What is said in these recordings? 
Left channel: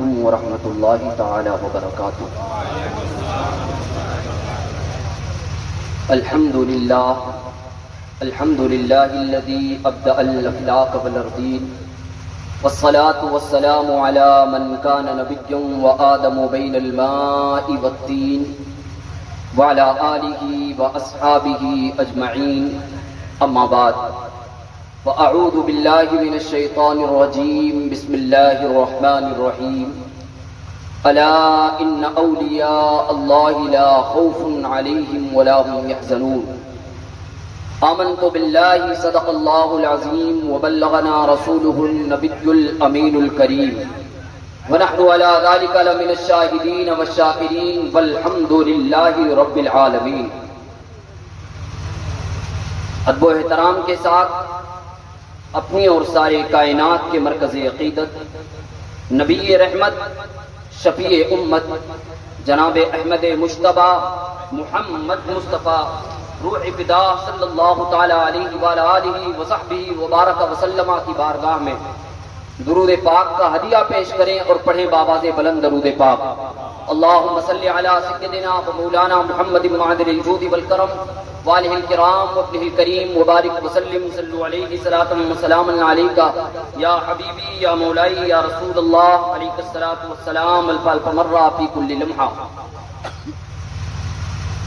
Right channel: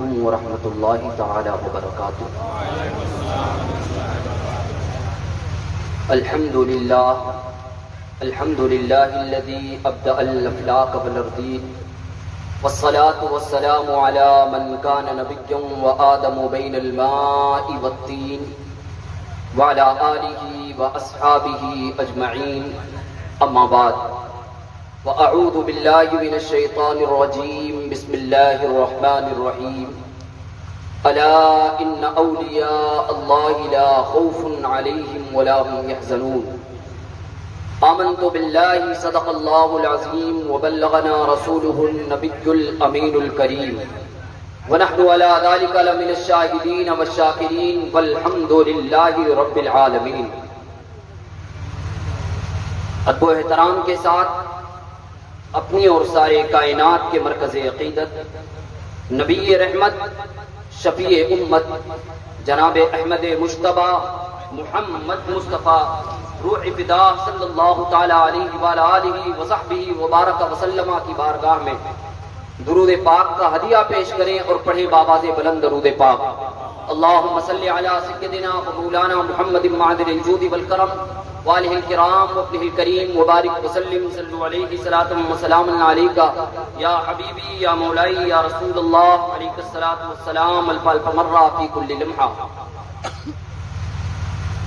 علیکم ورحمۃ اللہ تعالی وبرکاتہ۔ الحمد للہ الذی ابدأ الافلاق والارضین والصلاة والسلام على من كان نبيا وآدم بين الماء والطين وعلى آله وأصحابه أجمعين، أما بعد، فأعوذ بالله من الشيطان الرجيم، بسم الله الرحمن الرحيم، ألا إن أولياء الله لا خوف عليهم ولا هم يحزنون، آمنت بالله صدق الله العظيم وبلغنا رسوله النبي الأمين الكريم، ونحن على ذلك لمن الشاهدين والشاكرين والحمد لله رب العالمين۔ ادب و احترام کے ساتھ اپنی اور سارے کائنات کے مرکز عقیدت، نبی رحمت، شفیع امت، جناب احمد مجتبی محمد مصطفیٰ روح فدا صلی اللہ تعالی علیہ وآلہ آلہ وصحبہ وبارک وسلم کی بارگاہ میں درود پاک کا ہدیہ پیش کریں اور پڑھیں بآواز بلند درود پاک۔ اللہم صلی علی سیدنا و مولانا محمد معدن الجود والکرم وآلہ الکرام وابنہ الکریم وبارک وسلم، صلو علیہ صلاۃ و سلاما علیک یا حبیبی یا مولائی یا رسول اللہ، علیک الصلاۃ والسلام الف الف مرہ فی کل لمحہ۔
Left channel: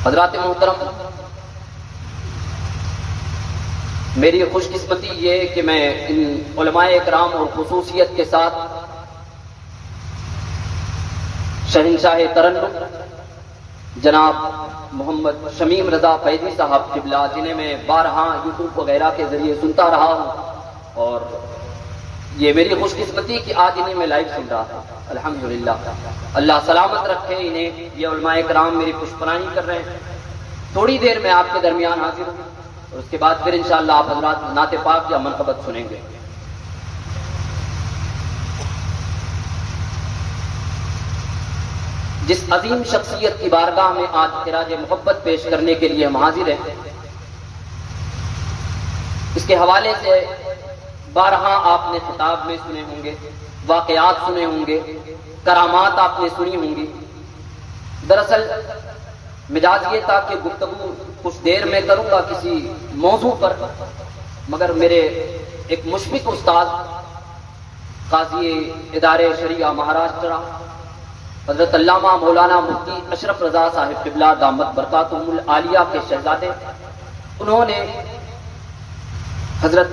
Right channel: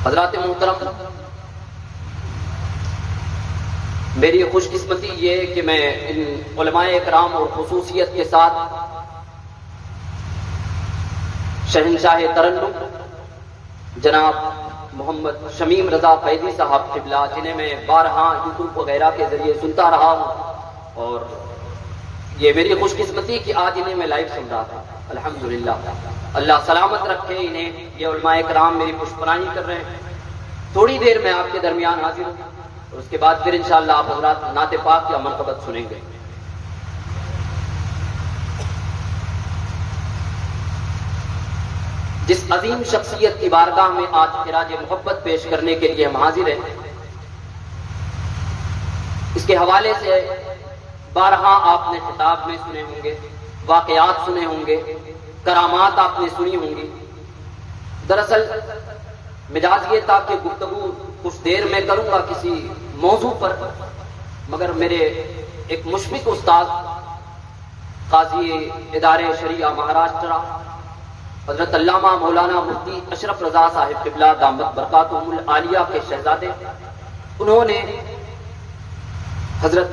حضرات محترم، میری خوش قسمتی یہ کہ میں ان علماء اکرام اور خصوصیت کے ساتھ شہنشاہ ترنم جناب محمد شمیم رضا فیضی صاحب قبلہ، جنہیں میں بارہا یوٹیوب وغیرہ کے ذریعے سنتا رہا ہوں، اور یہ میری خوش قسمتی کہ آج انہیں میں لائیو سن رہا تھا۔ الحمدللہ، اللہ سلامت رکھے انہیں۔ یہ علماء اکرام میری پشپرانی کر رہے ہیں۔ تھوڑی دیر میں آپ کے درمیان حاضر ہوں اور اس کے بعد پھر انشاءاللہ آپ حضرات نعت پاک یا منقبت سنیں گے۔ جس عظیم شخصیت کی بارگاہ میں آج خراج محبت پیش کرنے کے لیے ہم حاضر ہیں، اس کے حوالے سے بارہا آپ نے خطاب میں سنے ہوں گے، واقعات سنے ہوں گے، کرامات آپ نے سنی ہوں گی۔ دراصل مزاج یہ تھا کہ گفتگو کچھ دیر میں کروں گا کسی موضوع پر، مگر میرے ایک مشفق استاد قاضی ادارے شریعہ مہاراشٹرا حضرت علامہ مولانا مفتی اشرف رضا صاحب قبلہ دامت برکاتہم العالیہ کے شہزادے، انہوں نے حضرت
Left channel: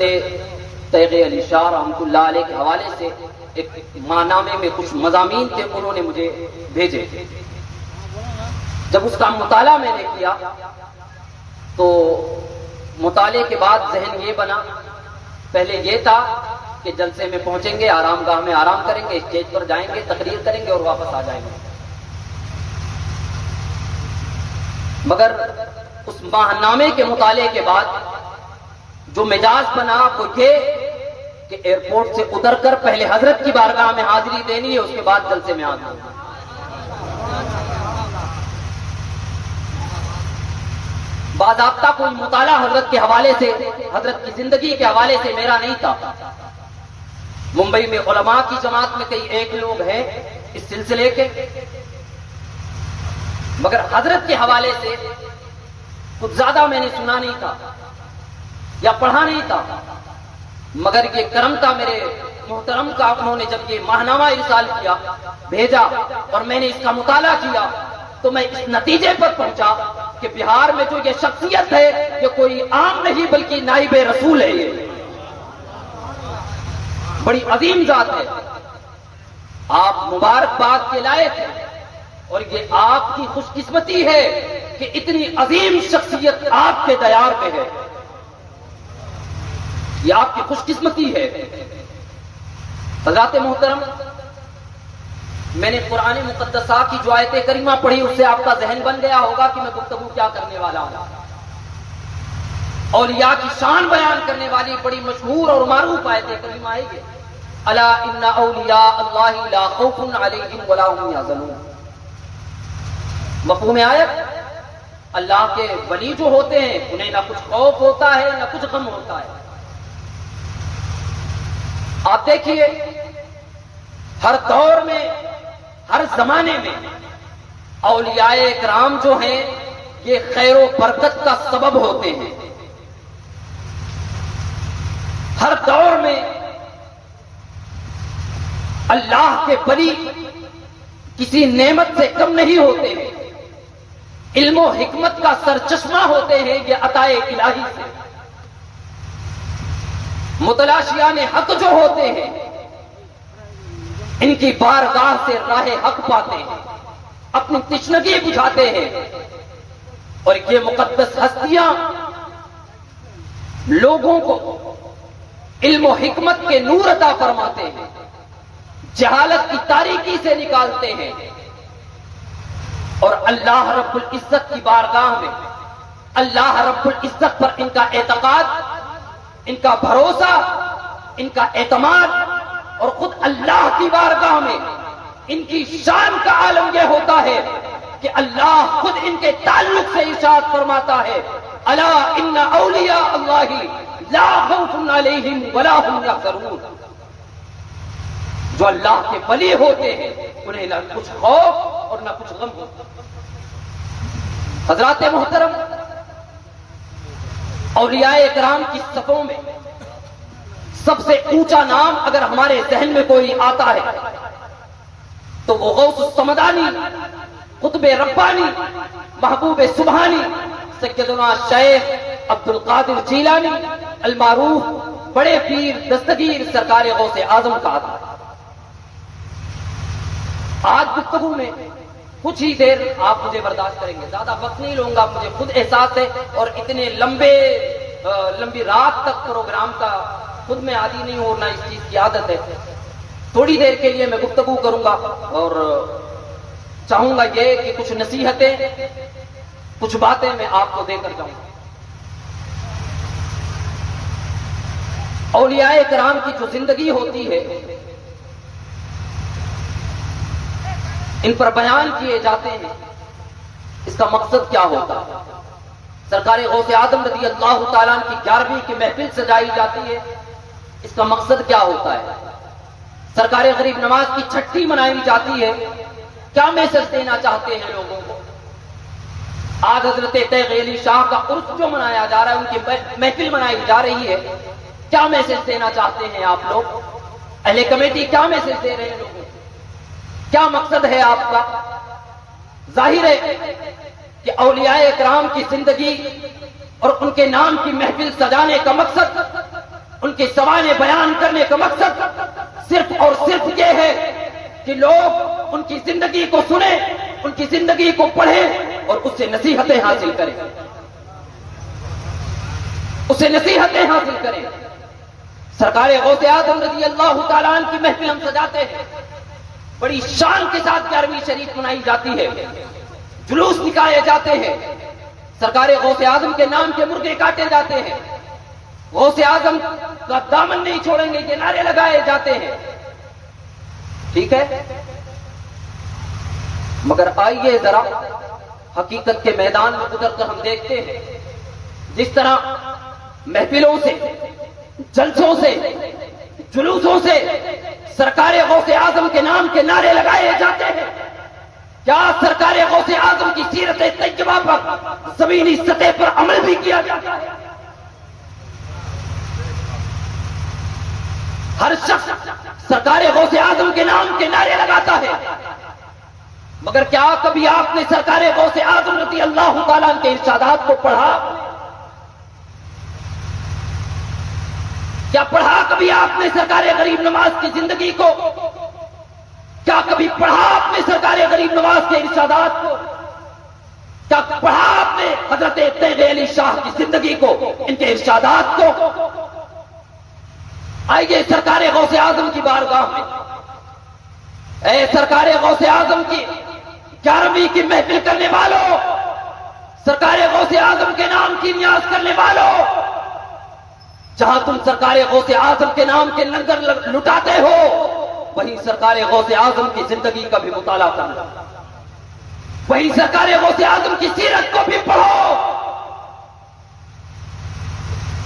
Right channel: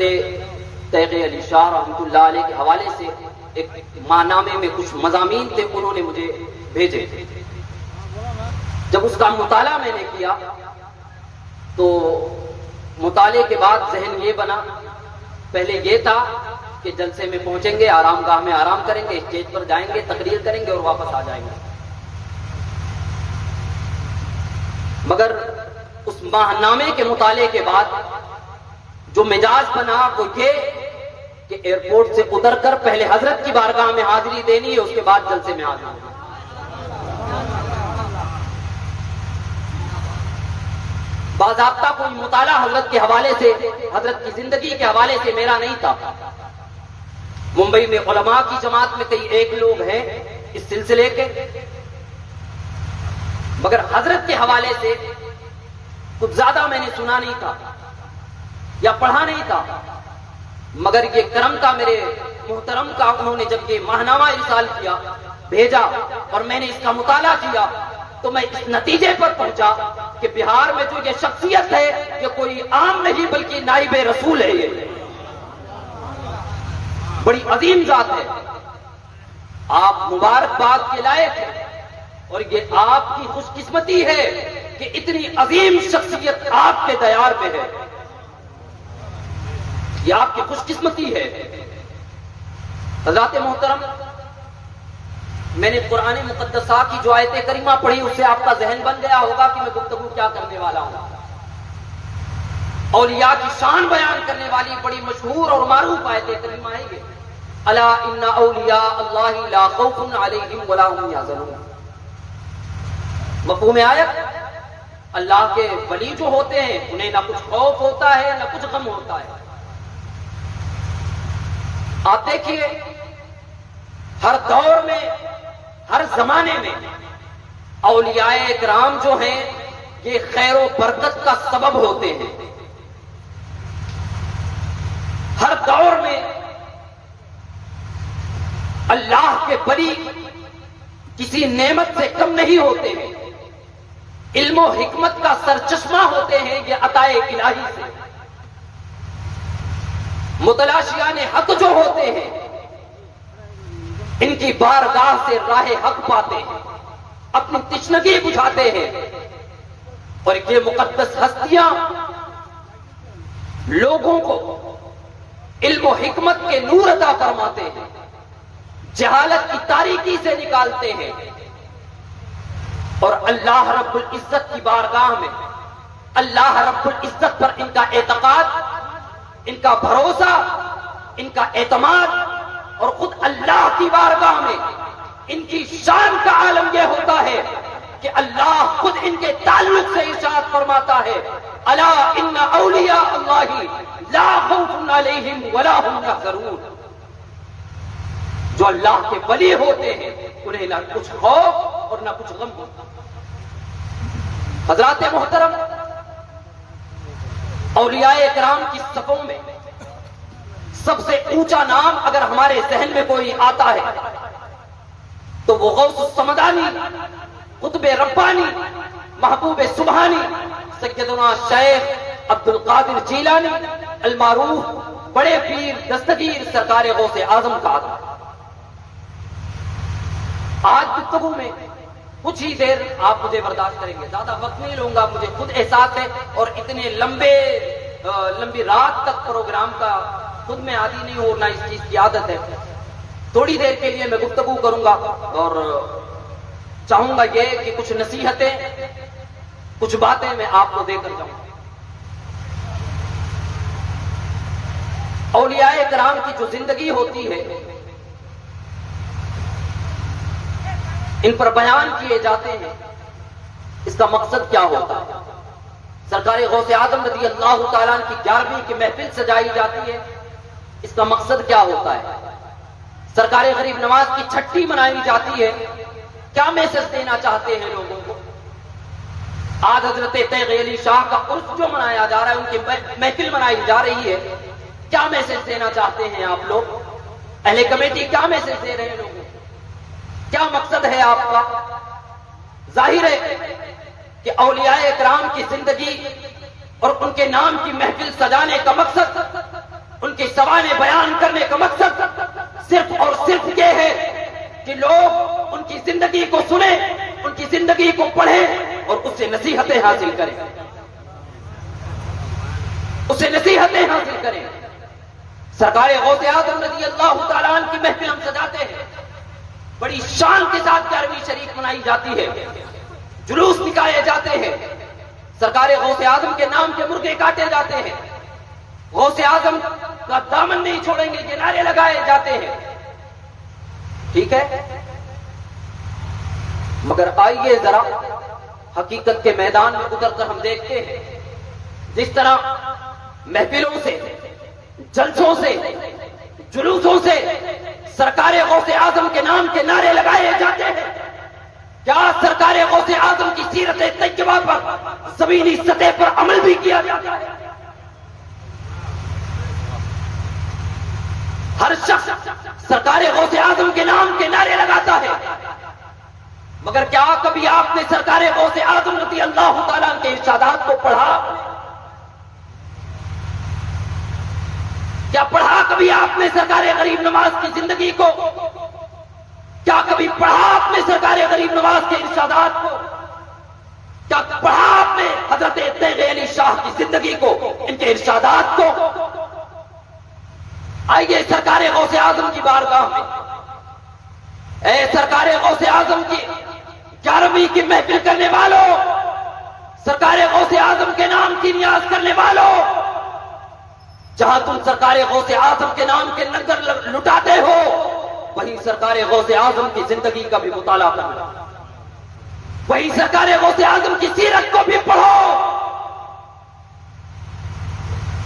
تیغ علی شاہ رحمۃ اللہ علیہ کے حوالے سے ایک ماہنامے میں کچھ مضامین تھے، انہوں نے مجھے بھیجے۔ جب اس کا مطالعہ میں نے کیا تو مطالعے کے بعد ذہن یہ بنا، پہلے یہ تھا کہ جلسے میں پہنچیں گے، آرام گاہ میں آرام کریں گے، اسٹیج پر جائیں گے، تقریر کریں گے اور واپس آ جائیں گے، مگر اس ماہنامے کے مطالعے کے بعد جو مزاج بنا وہ یہ کہ ایئرپورٹ سے اتر کر پہلے حضرت کی بارگاہ میں حاضری دینی ہے، اس کے بعد جلسے میں حاضر ہونا۔ باضابطہ کوئی مطالعہ حضرت کے حوالے سے، حضرت کی زندگی کے حوالے سے میرا نہیں تھا۔ ممبئی میں علماء کی جماعت میں کئی ایک لوگ ہیں اس سلسلے کے، مگر حضرت کے حوالے سے کچھ زیادہ میں نے سنا نہیں تھا یا پڑھا نہیں تھا، مگر یہ کرم کا میرے محترم کا، انہوں نے جب یہ ماہنامہ ارسال کیا بھیجا اور میں نے اس کا مطالعہ کیا تو میں اس نتیجے پر پہنچا کہ بہار میں جو یہ شخصیت ہے یہ کوئی عام نہیں بلکہ نائب رسول ہے، یہ بڑی عظیم ذات ہے۔ آپ مبارکباد کے لائق ہیں اور یہ آپ کی خوش قسمتی ہے کہ اتنی عظیم شخصیت آپ کے دیار میں ہے، یہ آپ کی خوش قسمتی ہے۔ حضرات محترم، میں نے قرآن مقدسہ کی جو آیت کریمہ پڑھی اس سے آپ کا ذہن بن گیا ہوگا کہ میں گفتگو کیا کرنے والا ہوں۔ اولیاء کی شان بیان کرنے والی بڑی مشہور اور معروف آیت کریمہ ہے یہ، الا ان اولیاء اللہ لا خوف علیہم ولا هم یحزنون۔ مفہوم آیت، اللہ کے ولی جو ہوتے ہیں انہیں نہ کچھ خوف ہوتا ہے نہ کچھ غم ہوتا ہے۔ آپ دیکھیے ہر دور میں ہر زمانے میں اولیاء کرام جو ہیں یہ خیر و برکت کا سبب ہوتے ہیں. ہر دور میں اللہ کے ولی کسی نعمت سے کم نہیں ہوتے ہیں. علم و حکمت کا سرچشمہ ہوتے ہیں یہ عطائے الہی سے. متلاشیان حق جو ہوتے ہیں ان کی بارگاہ سے راہ حق پاتے ہیں, اپنی تشنگی بجھاتے ہیں, اور یہ مقدس ہستیاں لوگوں کو علم و حکمت کے نور عطا فرماتے ہیں, جہالت کی تاریکی سے نکالتے ہیں, اور اللہ رب العزت کی بارگاہ میں اللہ رب العزت پر ان کا اعتقاد, ان کا بھروسہ, ان کا اعتماد, اور خود اللہ کی بارگاہ میں ان کی شان کا عالم یہ ہوتا ہے کہ اللہ خود ان کے تعلق سے ارشاد فرماتا ہے, الا ان اولیاء اللہ لا خوف علیہم ولا هم یحزنون. جو اللہ کے ولی ہوتے ہیں انہیں نہ کچھ خوف اور نہ کچھ غم ہوتا. حضرات محترم, اولیاء کرام کی صفوں میں سب سے اونچا نام اگر ہمارے ذہن میں کوئی آتا ہے تو وہ غوث الصمدانی, قطب ربانی, محبوب سبحانی, سیدنا شیخ عبد القادر جیلانی المعروف بڑے پیر دستگیر سرکار غوث اعظم کا آتا ہے. آج گفتگو میں کچھ ہی دیر آپ مجھے برداشت کریں گے, زیادہ وقت نہیں لوں گا, مجھے خود احساس ہے, اور اتنے لمبی رات تک پروگرام کا خود میں عادی نہیں ہونا, اس چیز کی عادت ہے. تھوڑی دیر کے لیے میں گفتگو کروں گا اور چاہوں گا یہ کہ کچھ نصیحتیں, کچھ باتیں میں آپ کو دے کر جاؤں گا. اولیاء کرام کی جو زندگی ہوتی ہے ان پر بیان کیے جاتے ہیں, اس کا مقصد کیا ہوتا ہے؟ سرکار غوث اعظم رضی اللہ تعالیٰ کی 11ویں کی محفل سجائی جاتی ہے, اس کا مقصد کیا ہوتا ہے؟ سرکار غریب نواز کی چھٹی منائی جاتی ہے, کیا میسج دینا چاہتے ہیں لوگوں کو؟ آج حضرت تیغ علی شاہ کا عرس جو منایا جا رہا ہے, ان کی محفل منائی جا رہی ہے, کیا میسج دینا چاہتے ہیں آپ لوگ؟ اہل کمیٹی کیا میسج دے رہے ہیں لوگوں کو؟ کیا مقصد ہے آپ کا؟ ظاہر ہے کہ اولیاء کرام کی زندگی اور ان کے نام کی محفل سجانے کا مقصد, ان کے سوانے بیان کرنے کا مقصد صرف اور صرف یہ ہے کہ لوگ ان کی زندگی کو سنیں, ان کی زندگی کو پڑھیں اور اس سے نصیحتیں حاصل کریں, اس سے نصیحتیں حاصل کریں. سرکار غوث اعظم رضی اللہ تعالیٰ عنہ کی محفل ہم سجاتے ہیں, بڑی شان کے ساتھ 11ویں شریف منائی جاتی ہے, جلوس نکالے جاتے ہیں, سرکار غوث اعظم کے نام کے مرغے کاٹے جاتے ہیں, غوث اعظم کا دامن نہیں چھوڑیں گے یہ نعرے لگائے جاتے ہیں. ٹھیک ہے, مگر آئیے ذرا حقیقت کے میدان میں اتر کر ہم دیکھتے ہیں جس طرح محفلوں سے, جلسوں سے, جلوسوں سے سرکار غوث اعظم کے نام کے نعرے لگائے جاتے ہیں, کیا سرکار غوث اعظم کی سیرت طیبہ پر زمینی سطح پر عمل بھی کیا جاتا ہے؟ ہر شخص سرکار غوث اعظم کے نام کے نعرے لگاتا ہے, مگر کیا کبھی آپ نے سرکار غوث اعظم رضی اللہ تعالیٰ کے ارشادات کو پڑھا؟ کیا پڑھا کبھی آپ نے سرکار غریب نواز کی زندگی کو؟ کیا کبھی پڑھا آپ نے سرکار غریب نواز کے ارشادات کو؟ کیا پڑھا آپ نے حضرت تیغ علی شاہ کی زندگی کو, ان کے ارشادات کو؟ آئیے سرکار غوث اعظم کی بارگاہ میں, اے سرکار غوث اعظم کی 11ویں کی محفل کرنے والوں, سرکار غوث اعظم کے نام کی نیاز کرنے والوں, جہاں تم سرکار غوث اعظم کے نام کے لنگر لٹاتے ہو وہیں سرکار غوث اعظم کی زندگی کا بھی مطالعہ کرنا, وہیں سرکار غوث اعظم کی سیرت کو بھی پڑھو.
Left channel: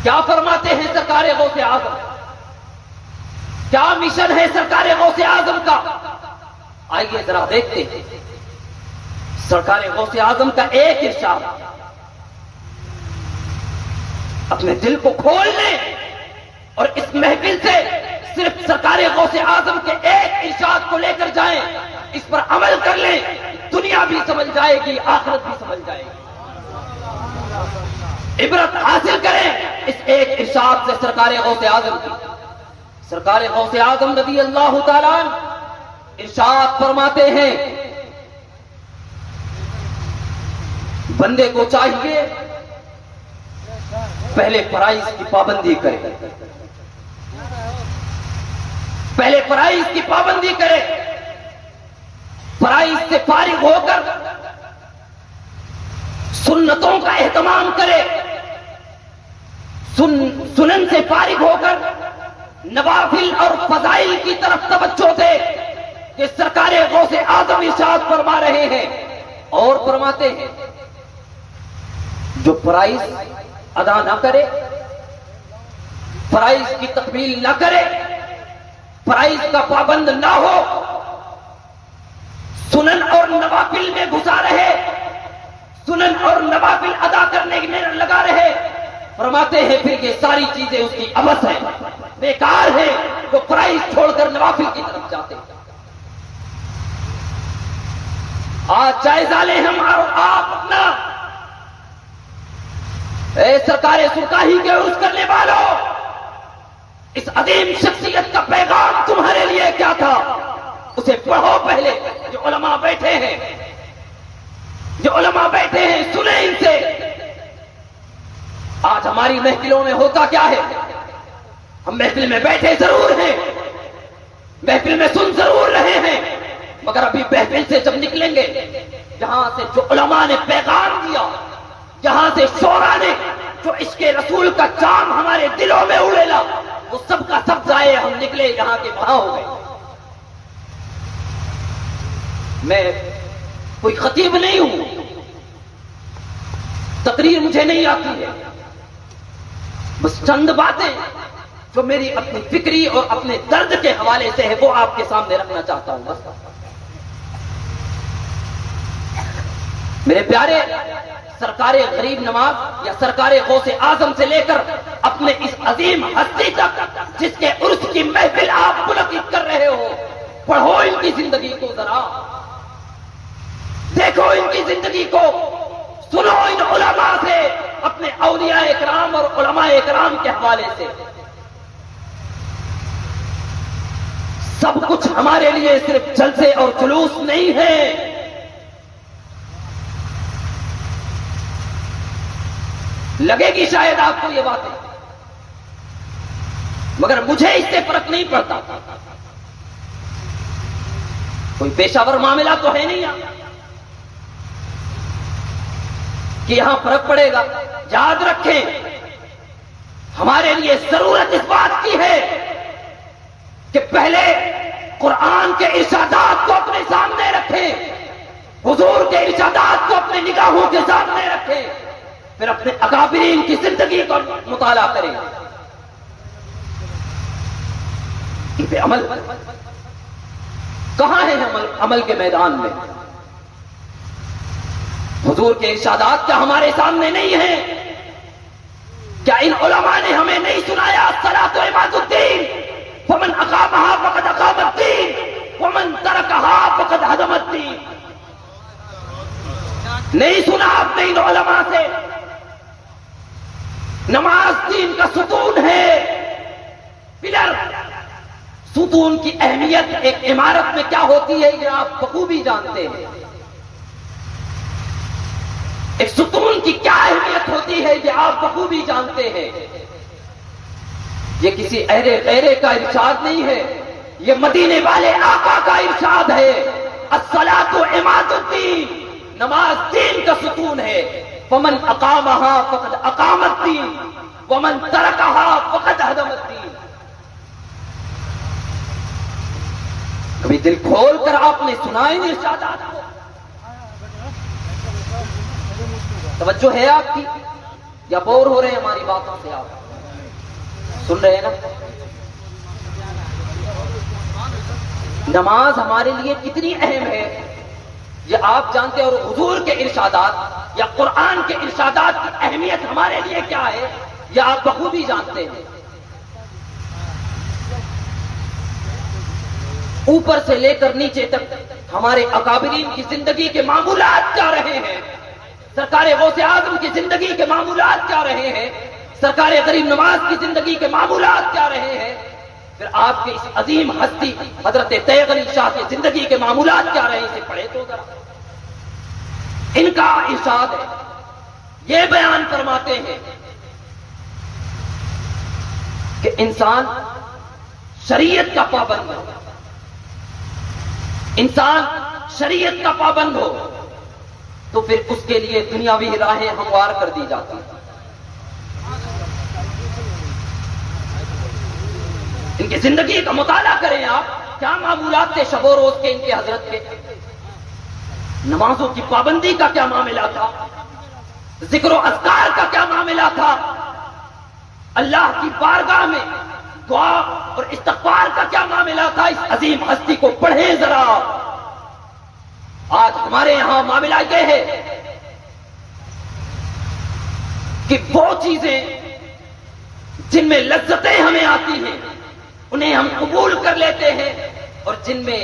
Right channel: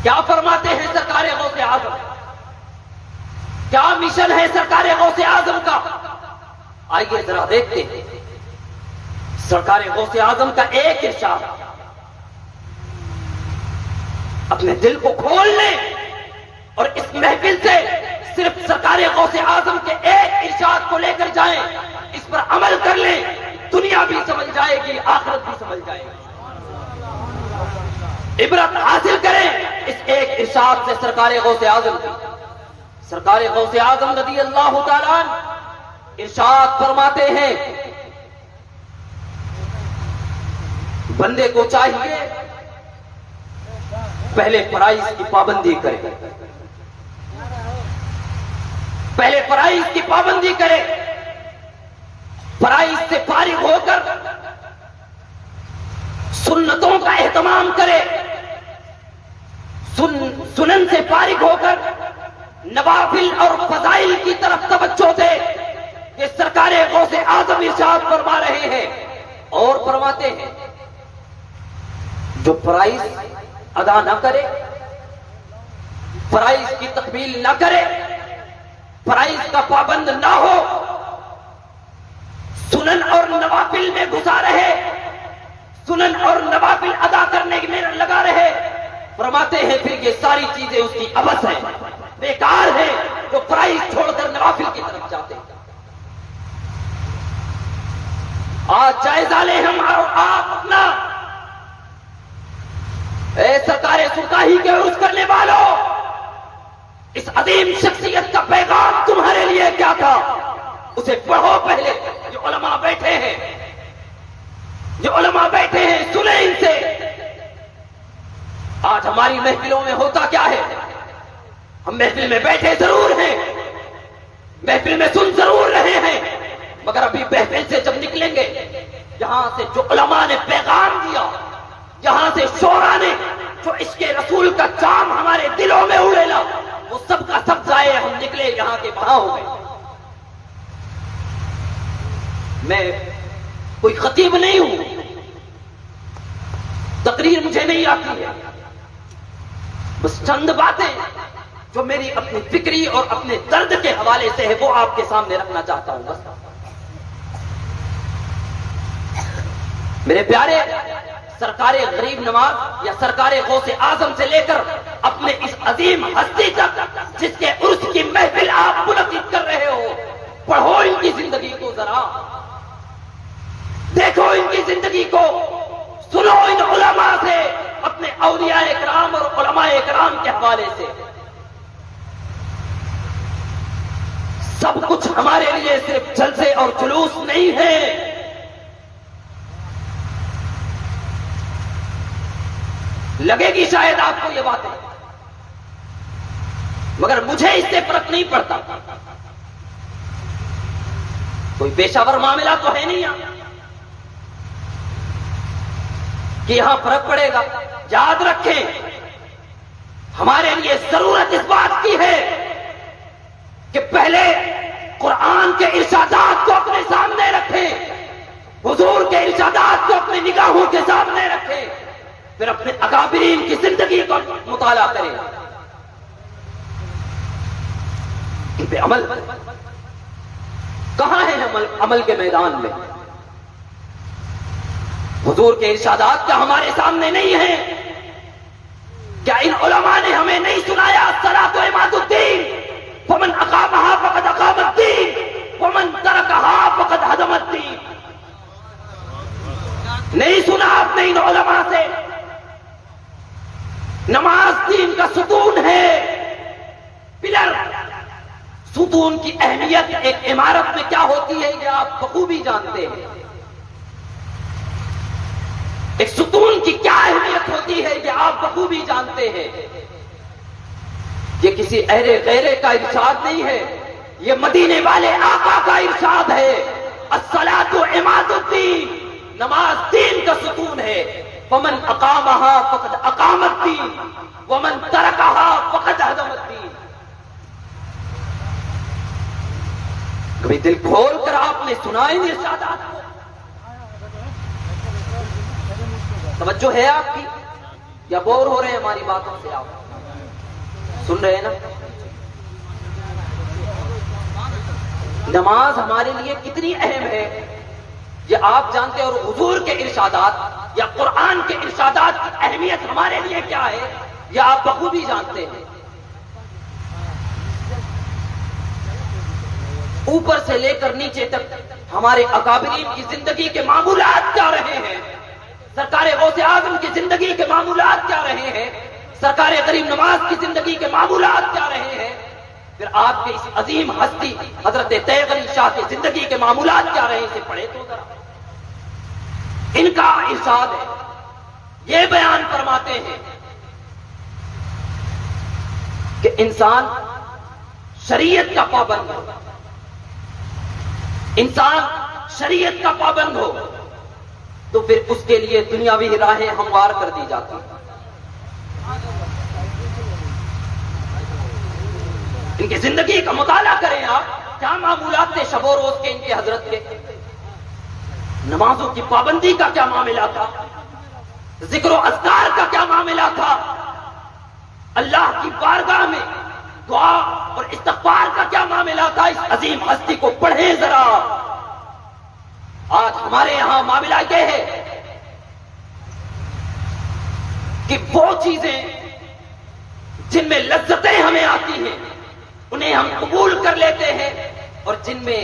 کیا فرماتے ہیں سرکار غوث اعظم؟ کیا مشن ہے سرکار غوث اعظم کا؟ آئیے ذرا دیکھتے ہیں سرکار غوث اعظم کا ایک ارشاد، اپنے دل کو کھول لیں اور اس محفل سے صرف سرکار غوث اعظم کے ایک ارشاد کو لے کر جائیں، اس پر عمل کر لیں، دنیا بھی سمجھ جائے گی، آخرت بھی سمجھ جائے گی۔ عبرت حاصل کریں اس ایک ارشاد سے سرکار غوث اعظم کی۔ سرکار غوث اعظم رضی اللہ تعالیٰ ارشاد فرماتے ہیں، بندے کو چاہیے پہلے فرائض کی پابندی کرے، پہلے فرائض کی پابندی کرے، فرائض سے فارغ ہو کر سنتوں کا اہتمام کرے، سنن سے فارغ ہو کر نوافل اور فضائل کی طرف توجہ دے۔ یہ سرکار غوث اعظم ارشاد فرما رہے ہیں اور فرماتے ہیں جو فرائض ادا نہ کرے، فرائض کی تکمیل نہ کرے، فرائض کا پابند نہ ہو، سنن اور نوافل میں گھسا رہے، سنن اور نوافل ادا کرنے میں لگا رہے، فرماتے ہیں پھر یہ ساری چیزیں اس کی عبث ہیں، بیکار ہے، جو فرائض چھوڑ کر نوافل کی طرف جاتے ہیں۔ آج جائزہ لیں ہم اور آپ اپنا، اے سرکار سرکاہی کے عرض کرنے والوں، اس عظیم شخصیت کا پیغام تمہارے لیے کیا تھا، اسے پڑھو پہلے۔ جو علماء بیٹھے ہیں، جو علماء بیٹھے ہیں، سنیں ان سے۔ آج ہماری محفلوں میں ہوتا کیا ہے، ہم محفل میں بیٹھے ضرور ہیں، محفل میں سن ضرور رہے ہیں، مگر ابھی محفل سے جب نکلیں گے، جہاں سے جو علماء نے پیغام دیا، جہاں سے شعراء نے جو عشق رسول کا چام ہمارے دلوں میں اڑیلا، وہ سب کا سب جائے، ہم نکلے یہاں کے وہاں ہو گئے۔ میں کوئی خطیب نہیں ہوں، تقریر مجھے نہیں آتی ہے، بس چند باتیں جو میری اپنی فکری اور اپنے درد کے حوالے سے ہے وہ آپ کے سامنے رکھنا چاہتا ہوں بس۔ میرے پیارے، سرکار غریب نواز یا سرکار غوث اعظم سے لے کر اپنے اس عظیم ہستی تک جس کے عرس کی محفل آپ منعقد کر رہے ہو، پڑھو ان کی زندگی کو، ذرا دیکھو ان کی زندگی کو، سنو ان علماء سے، اپنے اولیاء اکرام اور علماء اکرام کے حوالے سے۔ سب کچھ ہمارے لیے صرف جلسے اور جلوس نہیں ہے، لگے گی شاید آپ کو یہ باتیں، مگر مجھے اس سے فرق نہیں پڑتا، کوئی پیشہ ور معاملہ تو ہے نہیں یہاں کہ یہاں فرق پڑے گا۔ یاد رکھیں، ہمارے لیے ضرورت اس بات کی ہے کہ پہلے قرآن کے ارشادات کو اپنے سامنے رکھیں، حضور کے ارشادات کو اپنے نگاہوں کے سامنے رکھیں، پھر اپنے اکابرین کی زندگی کا مطالعہ کریں، ان پہ عمل۔ کہاں ہے عمل کے میدان میں؟ حضور کے ارشادات کا ہمارے سامنے نہیں ہے؟ کیا ان علماء نے ہمیں نہیں سنایا الصلاۃ عماد الدین، فمن اقامها فقد اقام الدین ومن ترکها فقد هدم الدین؟ نہیں سنا آپ نے ان علماء سے؟ نماز دین کا ستون ہے، پلر۔ ستون کی اہمیت ایک عمارت میں کیا ہوتی ہے یہ آپ بخوبی جانتے ہیں، ایک ستون کی کیا اہمیت ہوتی ہے یہ آپ بخوبی جانتے ہیں۔ یہ کسی اہرے غیرے کا ارشاد نہیں ہے، یہ مدینے والے آقا کا ارشاد ہے۔ الصلاۃ عماد الدین، نماز دین کا ستون ہے۔ فمن اقامها فقد اقام الدین ومن ترکها فقد هدم الدین۔ کبھی دل کھول کر آپ نے سنا ان ارشادات کو؟ توجہ ہے آپ کی یا بور ہو رہے ہیں ہماری باتوں سے؟ آپ سن رہے ہیں نا؟ نماز ہمارے لیے کتنی اہم ہے یہ آپ جانتے ہیں، اور حضور کے ارشادات یا قرآن کے ارشادات کی اہمیت ہمارے لیے کیا ہے یہ آپ بخوبی جانتے ہیں۔ اوپر سے لے کر نیچے تک ہمارے اکابرین کی زندگی کے معمولات کیا رہے ہیں، سرکار غوث اعظم کی زندگی کے معمولات کیا رہے ہیں، سرکار غریب نواز کی زندگی کے معمولات کیا رہے ہیں، پھر آپ کی اس عظیم ہستی حضرت تیغ علی شاہ کی زندگی کے معمولات کیا رہے اسے پڑھے تو ذرا۔ ان کا ارشاد ہے، یہ بیان فرماتے ہیں کہ انسان شریعت کا پابند ہو، انسان شریعت کا پابند ہو تو پھر اس کے لیے دنیاوی راہیں ہموار کر دی جاتی ہیں۔ ان کی زندگی کا مطالعہ کریں آپ، کیا معمولات تھے شب و روز کے ان کے حضرت کے، نمازوں کی پابندی کا کیا معاملہ تھا، ذکر و اذکار کا کیا معاملہ تھا، اللہ کی بارگاہ میں دعا اور استغفار کا کیا معاملہ تھا۔ اس عظیم ہستی کو پڑھیں ذرا۔ آج ہمارے یہاں معاملہ یہ ہے کہ وہ چیزیں جن میں لذتیں ہمیں آتی ہیں انہیں ہم قبول کر لیتے ہیں، اور جن میں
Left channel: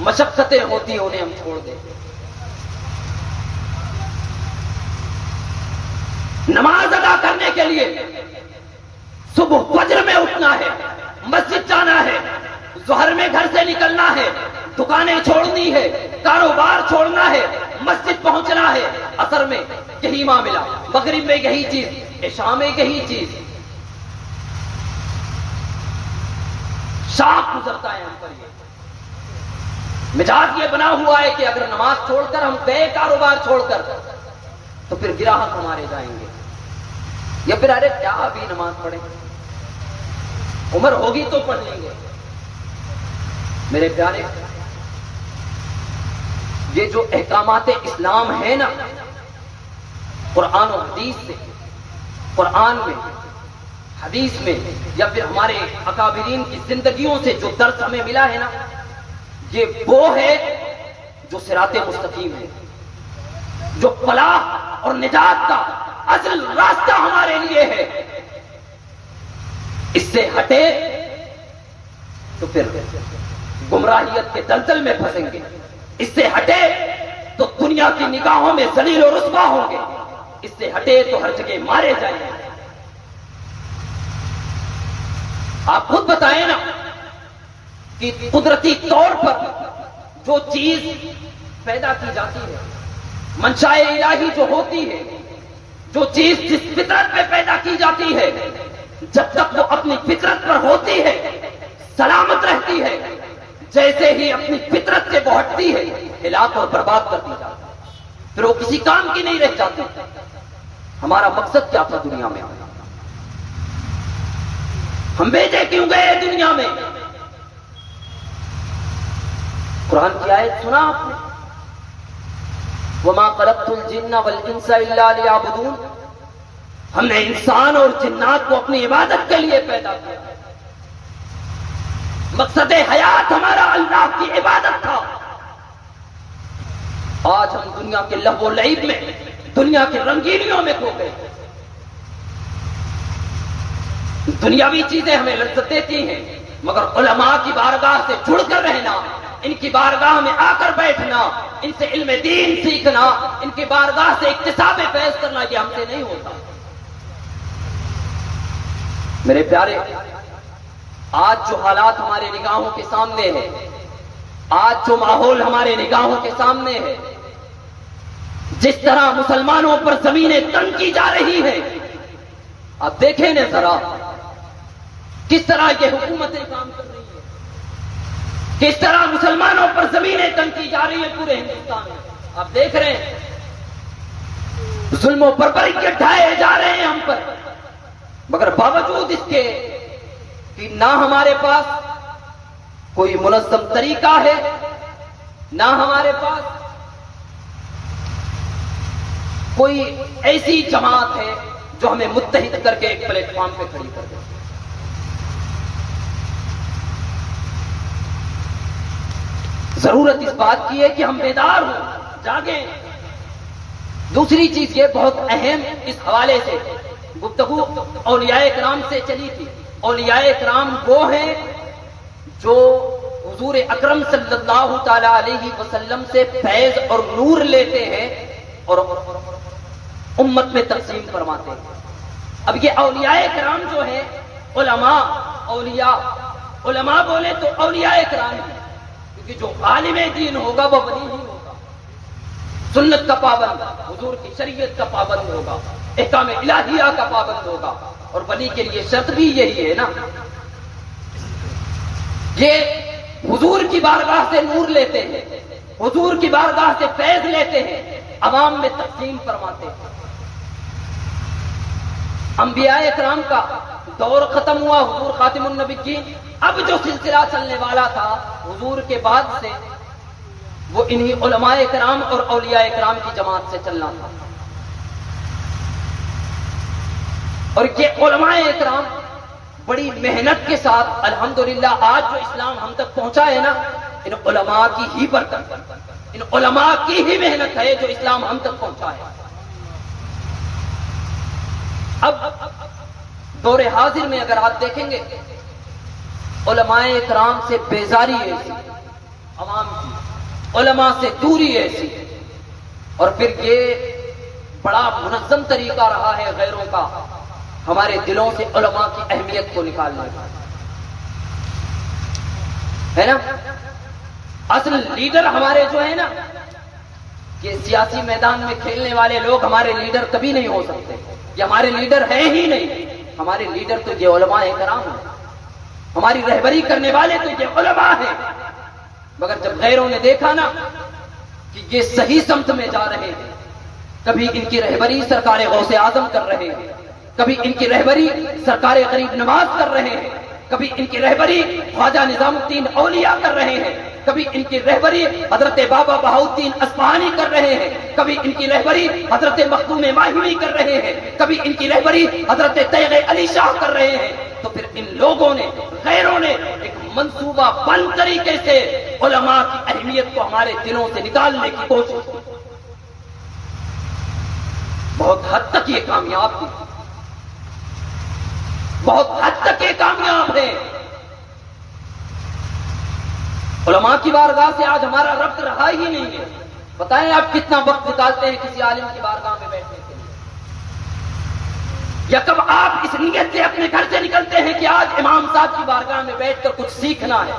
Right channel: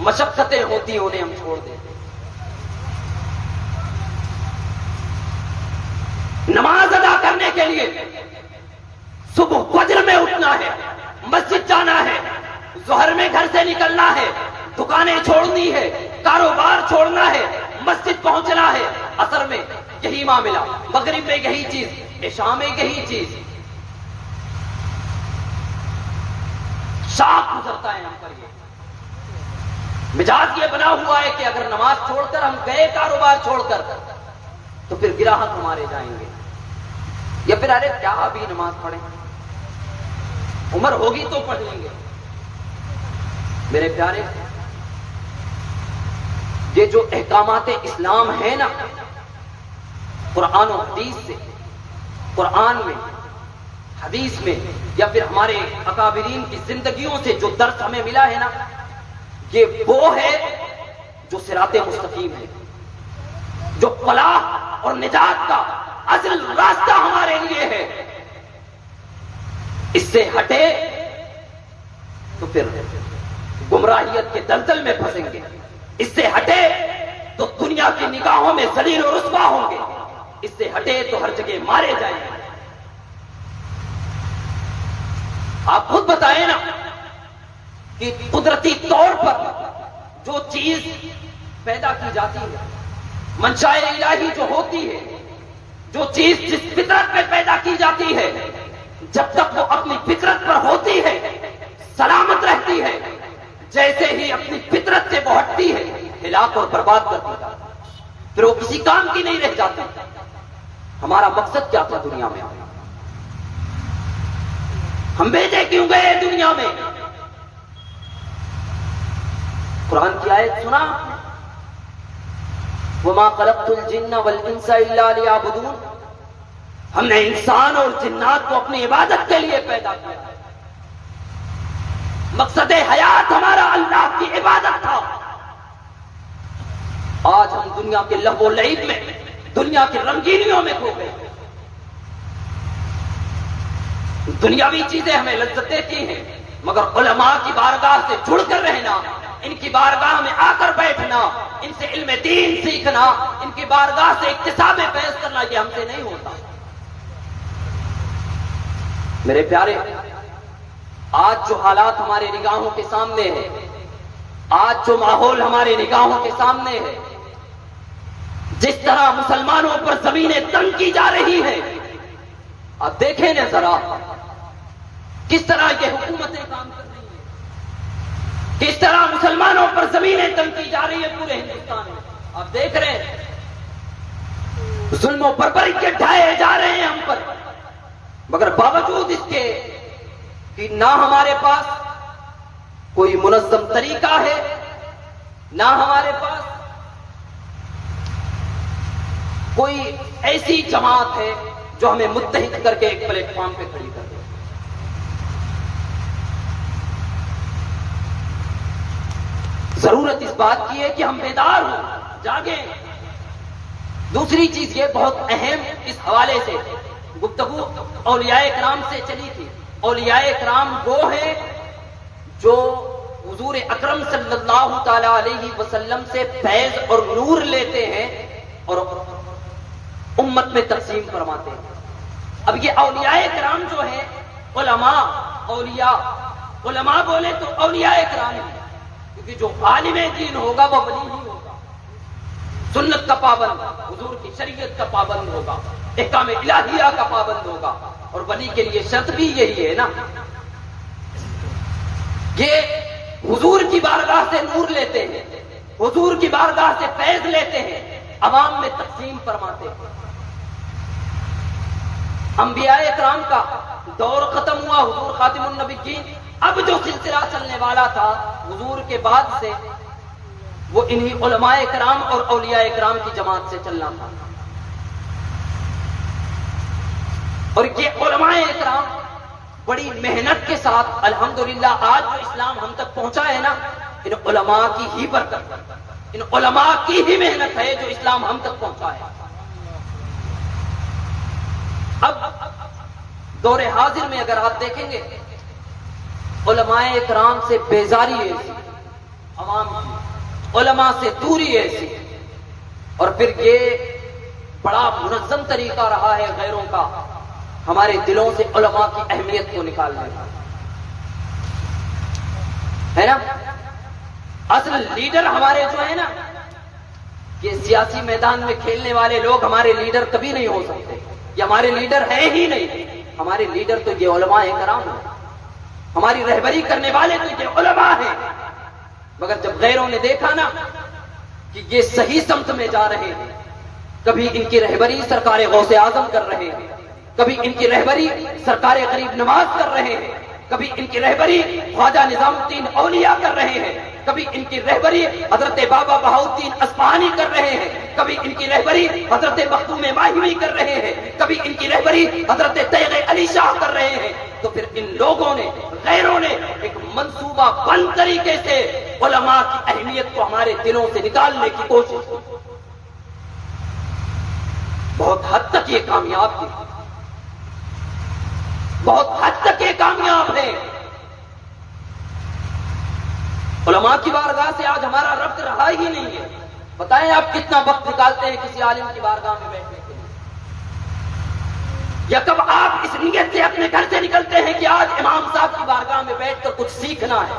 مشقتیں ہوتی ہیں انہیں ہم چھوڑ دیتے ہیں۔ نماز ادا کرنے کے لیے صبح فجر میں اٹھنا ہے، مسجد جانا ہے، ظہر میں گھر سے نکلنا ہے، دکانیں چھوڑنی ہے، کاروبار چھوڑنا ہے، مسجد پہنچنا ہے، عصر میں یہی معاملہ، مغرب میں یہی چیز، عشاء میں یہی چیز۔ شاخ گزرتا ہے ہم پر، یہ مزاج یہ بنا ہوا ہے کہ اگر نماز چھوڑ کر ہم گئے کاروبار چھوڑ کر تو پھر گراہک ہمارے جائیں گے، یا پھر ارے کیا ابھی نماز پڑھیں، عمر ہوگی تو پڑھ لیں گے۔ میرے پیارے، یہ جو احکامات اسلام ہیں نا، قرآن و حدیث سے، قرآن میں، حدیث میں، یا پھر ہمارے اکابرین کی زندگیوں سے جو درس ہمیں ملا ہے نا، یہ وہ ہے جو صراط مستقیم ہے، جو فلاح اور نجات کا اصل راستہ ہمارے لیے ہے۔ اس سے ہٹے تو پھر گمراہیت کے دلدل میں پھنسیں گے، اس سے ہٹے تو دنیا کی نگاہوں میں ذلیل و رسوا ہوں گے، اس سے ہٹے تو ہر جگہ مارے جائیں گے۔ آپ خود بتائیں نا کہ قدرتی طور پر جو چیز پیدا کی جاتی ہے، منشاء الہی جو ہوتی ہے، جو چیز جس فطرت پہ پیدا کی جاتی ہے، جب تک وہ اپنی فطرت پر ہوتی ہے سلامت رہتی ہے، جیسے ہی اپنی فطرت سے وہ ہٹتی ہے ہلاک اور برباد کر دی جاتی ہے، پھر وہ کسی کام کی نہیں رہ جاتی۔ ہمارا مقصد کیا تھا دنیا میں؟ ہم بھیجے کیوں گئے دنیا میں؟ قرآن کی آیت سنا آپ نے، وَمَا خَلَقْتُ الْجِنَّ وَالْإِنسَ إِلَّا لِيَعْبُدُونَ، ہم نے انسان اور جنات کو اپنی عبادت کے لیے پیدا کیا۔ مقصد حیات ہمارا اللہ کی عبادت تھا۔ آج ہم دنیا کے لہو و لعب میں، دنیا کی رنگینیوں میں کھو گئے۔ دنیاوی چیزیں ہمیں لذت دیتی ہیں، مگر علماء کی بارگاہ سے جڑ کر رہنا، ان کی بارگاہ میں آ کر بیٹھنا، ان سے علم دین سیکھنا، ان کی بارگاہ سے اکتساب فیض کرنا، یہ ہم سے نہیں ہوتا۔ میرے پیارے، آج جو حالات ہمارے نگاہوں کے سامنے ہے، آج جو ماحول ہمارے نگاہوں کے سامنے ہے، جس طرح مسلمانوں پر زمینیں تنگ کی جا رہی ہیں، آپ دیکھیں نا ذرا کس طرح یہ حکومتیں کام کر رہی ہیں، کس طرح مسلمانوں پر زمینیں تنگ کی جا رہی ہیں پورے ہندوستان میں۔ آپ دیکھ رہے ہیں ظلم و بربری کے ڈھائے جا رہے ہیں ہم پر، مگر باوجود اس کے کہ نہ ہمارے پاس کوئی منظم طریقہ ہے، نہ ہمارے پاس کوئی ایسی جماعت ہے جو ہمیں متحد کر کے ایک پلیٹ فارم پہ کھڑی کر دے۔ ضرورت اس بات کی ہے کہ ہم بیدار ہوں، جاگیں۔ دوسری چیز یہ بہت اہم، اس حوالے سے گفتگو اولیاء کرام سے چلی تھی۔ اولیاء کرام وہ ہیں جو حضور اکرم صلی اللہ تعالی علیہ وسلم سے فیض اور نور لیتے ہیں اور امت میں تقسیم فرماتے ہیں۔ اب یہ اولیاء کرام جو ہیں، علماء، اولیاء، علماء بولے تو اولیاء کرام ہیں، کیونکہ جو عالم دین ہوگا وہ ولی ہی ہوگا، سنت کا پابند، حضور کی شریعت کا پابند ہوگا، احکام الہیہ کا پابند ہوگا، اور ولی کے لیے شرط بھی یہی ہے نا، یہ حضور کی بارگاہ سے نور لیتے ہیں، حضور کی بارگاہ سے فیض لیتے ہیں، عوام میں تقسیم فرماتے ہیں۔ انبیاء کرام کا دور ختم ہوا، حضور خاتم النبیین، اب جو سلسلہ چلنے والا تھا حضور کے بعد سے وہ انہی علماء کرام اور اولیاء کرام کی جماعت سے چلنا تھا۔ اور یہ علماء کرام بڑی محنت کے ساتھ الحمدللہ آج جو اسلام ہم تک پہنچا ہے نا، ان علماء کی ہی برکت، ان علماء کی ہی محنت ہے جو اسلام ہم تک پہنچا ہے۔ اب دور حاضر میں اگر آپ دیکھیں گے، علماء کرام سے بیزاری ایسی عوام کی، علماء سے دوری ایسی، اور پھر یہ بڑا منظم طریقہ رہا ہے غیروں کا ہمارے دلوں سے علماء کی اہمیت کو نکالنے کا، ہے نا۔ اصل لیڈر ہمارے جو ہے نا، یہ سیاسی میدان میں کھیلنے والے لوگ ہمارے لیڈر کبھی نہیں ہو سکتے، یہ ہمارے لیڈر ہے ہی نہیں۔ ہمارے لیڈر تو یہ علماء کرام ہیں، ہماری رہبری کرنے والے تو یہ علماء ہیں۔ مگر جب غیروں نے دیکھا نا کہ یہ صحیح سمت میں جا رہے ہیں، کبھی ان کی رہبری سرکار غوث اعظم کر رہے ہیں، کبھی ان کی رہبری سرکار غریب نواز کر رہے ہیں، کبھی ان کی رہبری خواجہ نظام الدین اولیاء کر رہے ہیں، کبھی ان کی رہبری حضرت بابا بہاؤالدین اصفہانی کر رہے ہیں، کبھی ان کی رہبری حضرت مخدوم ماہوی کر رہے ہیں، کبھی ان کی رہبری حضرت تیغ علی شاہ کر رہے ہیں، تو پھر ان لوگوں نے، غیروں نے ایک منصوبہ بند طریقے سے علماء کی اہمیت کو ہمارے دلوں سے نکالنے کی کوشش کی۔ بہت حد تک یہ کامیاب کی، بہت حد تک یہ کامیاب ہے۔ علماء کی بارگاہ سے آج ہمارا ربط رہا ہی نہیں ہے۔ بتائیں آپ کتنا وقت نکالتے ہیں کسی عالم کی بارگاہ میں بیٹھنے کے لیے، یا کب آپ اس نیت سے اپنے گھر سے نکلتے ہیں کہ آج امام صاحب کی بارگاہ میں بیٹھ کر کچھ سیکھنا ہے،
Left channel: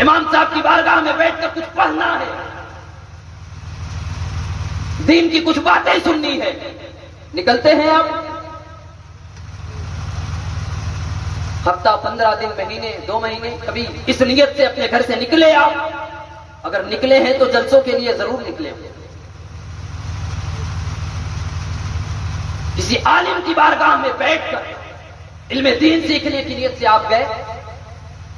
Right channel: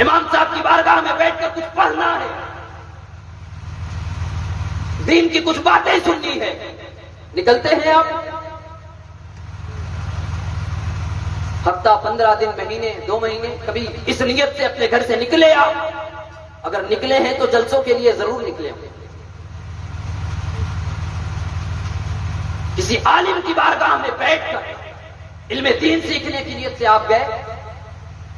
امام صاحب کی بارگاہ میں بیٹھ کر کچھ پڑھنا ہے، دین کی کچھ باتیں سننی ہے، نکلتے ہیں آپ؟ ہفتہ، 15 دن، مہینے، 2 مہینے، کبھی اس نیت سے اپنے گھر سے نکلے آپ؟ اگر نکلے ہیں تو جلسوں کے لیے ضرور نکلے، کسی عالم کی بارگاہ میں بیٹھ کر علم دین سیکھنے کی نیت سے آپ گئے،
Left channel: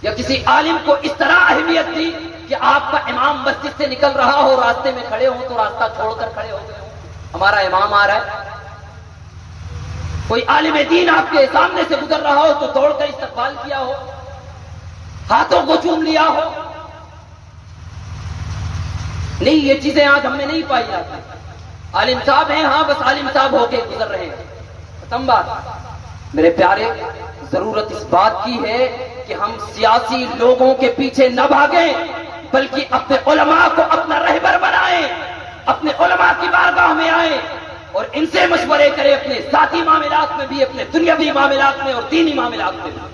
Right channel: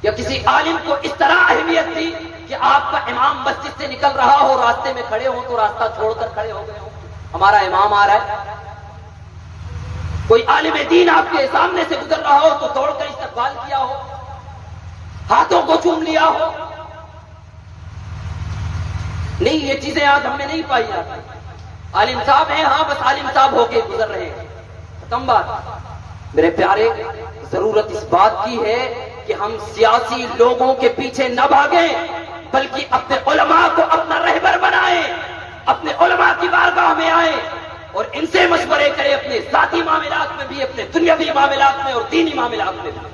یا کسی عالم کو اس طرح اہمیت دی کہ آپ کا امام مسجد سے نکل رہا ہو، راستے میں کھڑے ہو تو راستہ چھوڑ کر کھڑے ہو گئے ہو، ہمارا امام آ رہا ہے؟ کوئی عالم دین آپ کے سامنے سے گزر رہا ہو تو دوڑ کر استقبال کیا ہو، ہاتھوں کو چوم لیا ہو؟ نہیں، یہ چیزیں آج ہم میں نہیں پائی جاتی۔ عالم صاحب ہیں، ہاں بس عالم صاحب ہو کے گزر رہے ہیں، ختم بات۔ میرے پیارے، ضرورت اس بات کی ہے کہ ہم سیاسی لوگوں کے پیچھے نہ بھاگیں، بلکہ اپنے علماء کو اپنا رہبر بنائیں، اپنے علماء کی بارگاہ میں آئیں اور ان سے مشورے کریں، اپنے ذاتی معاملات میں بھی، اپنے دنیاوی معاملات میں اور دینی معاملات میں بھی۔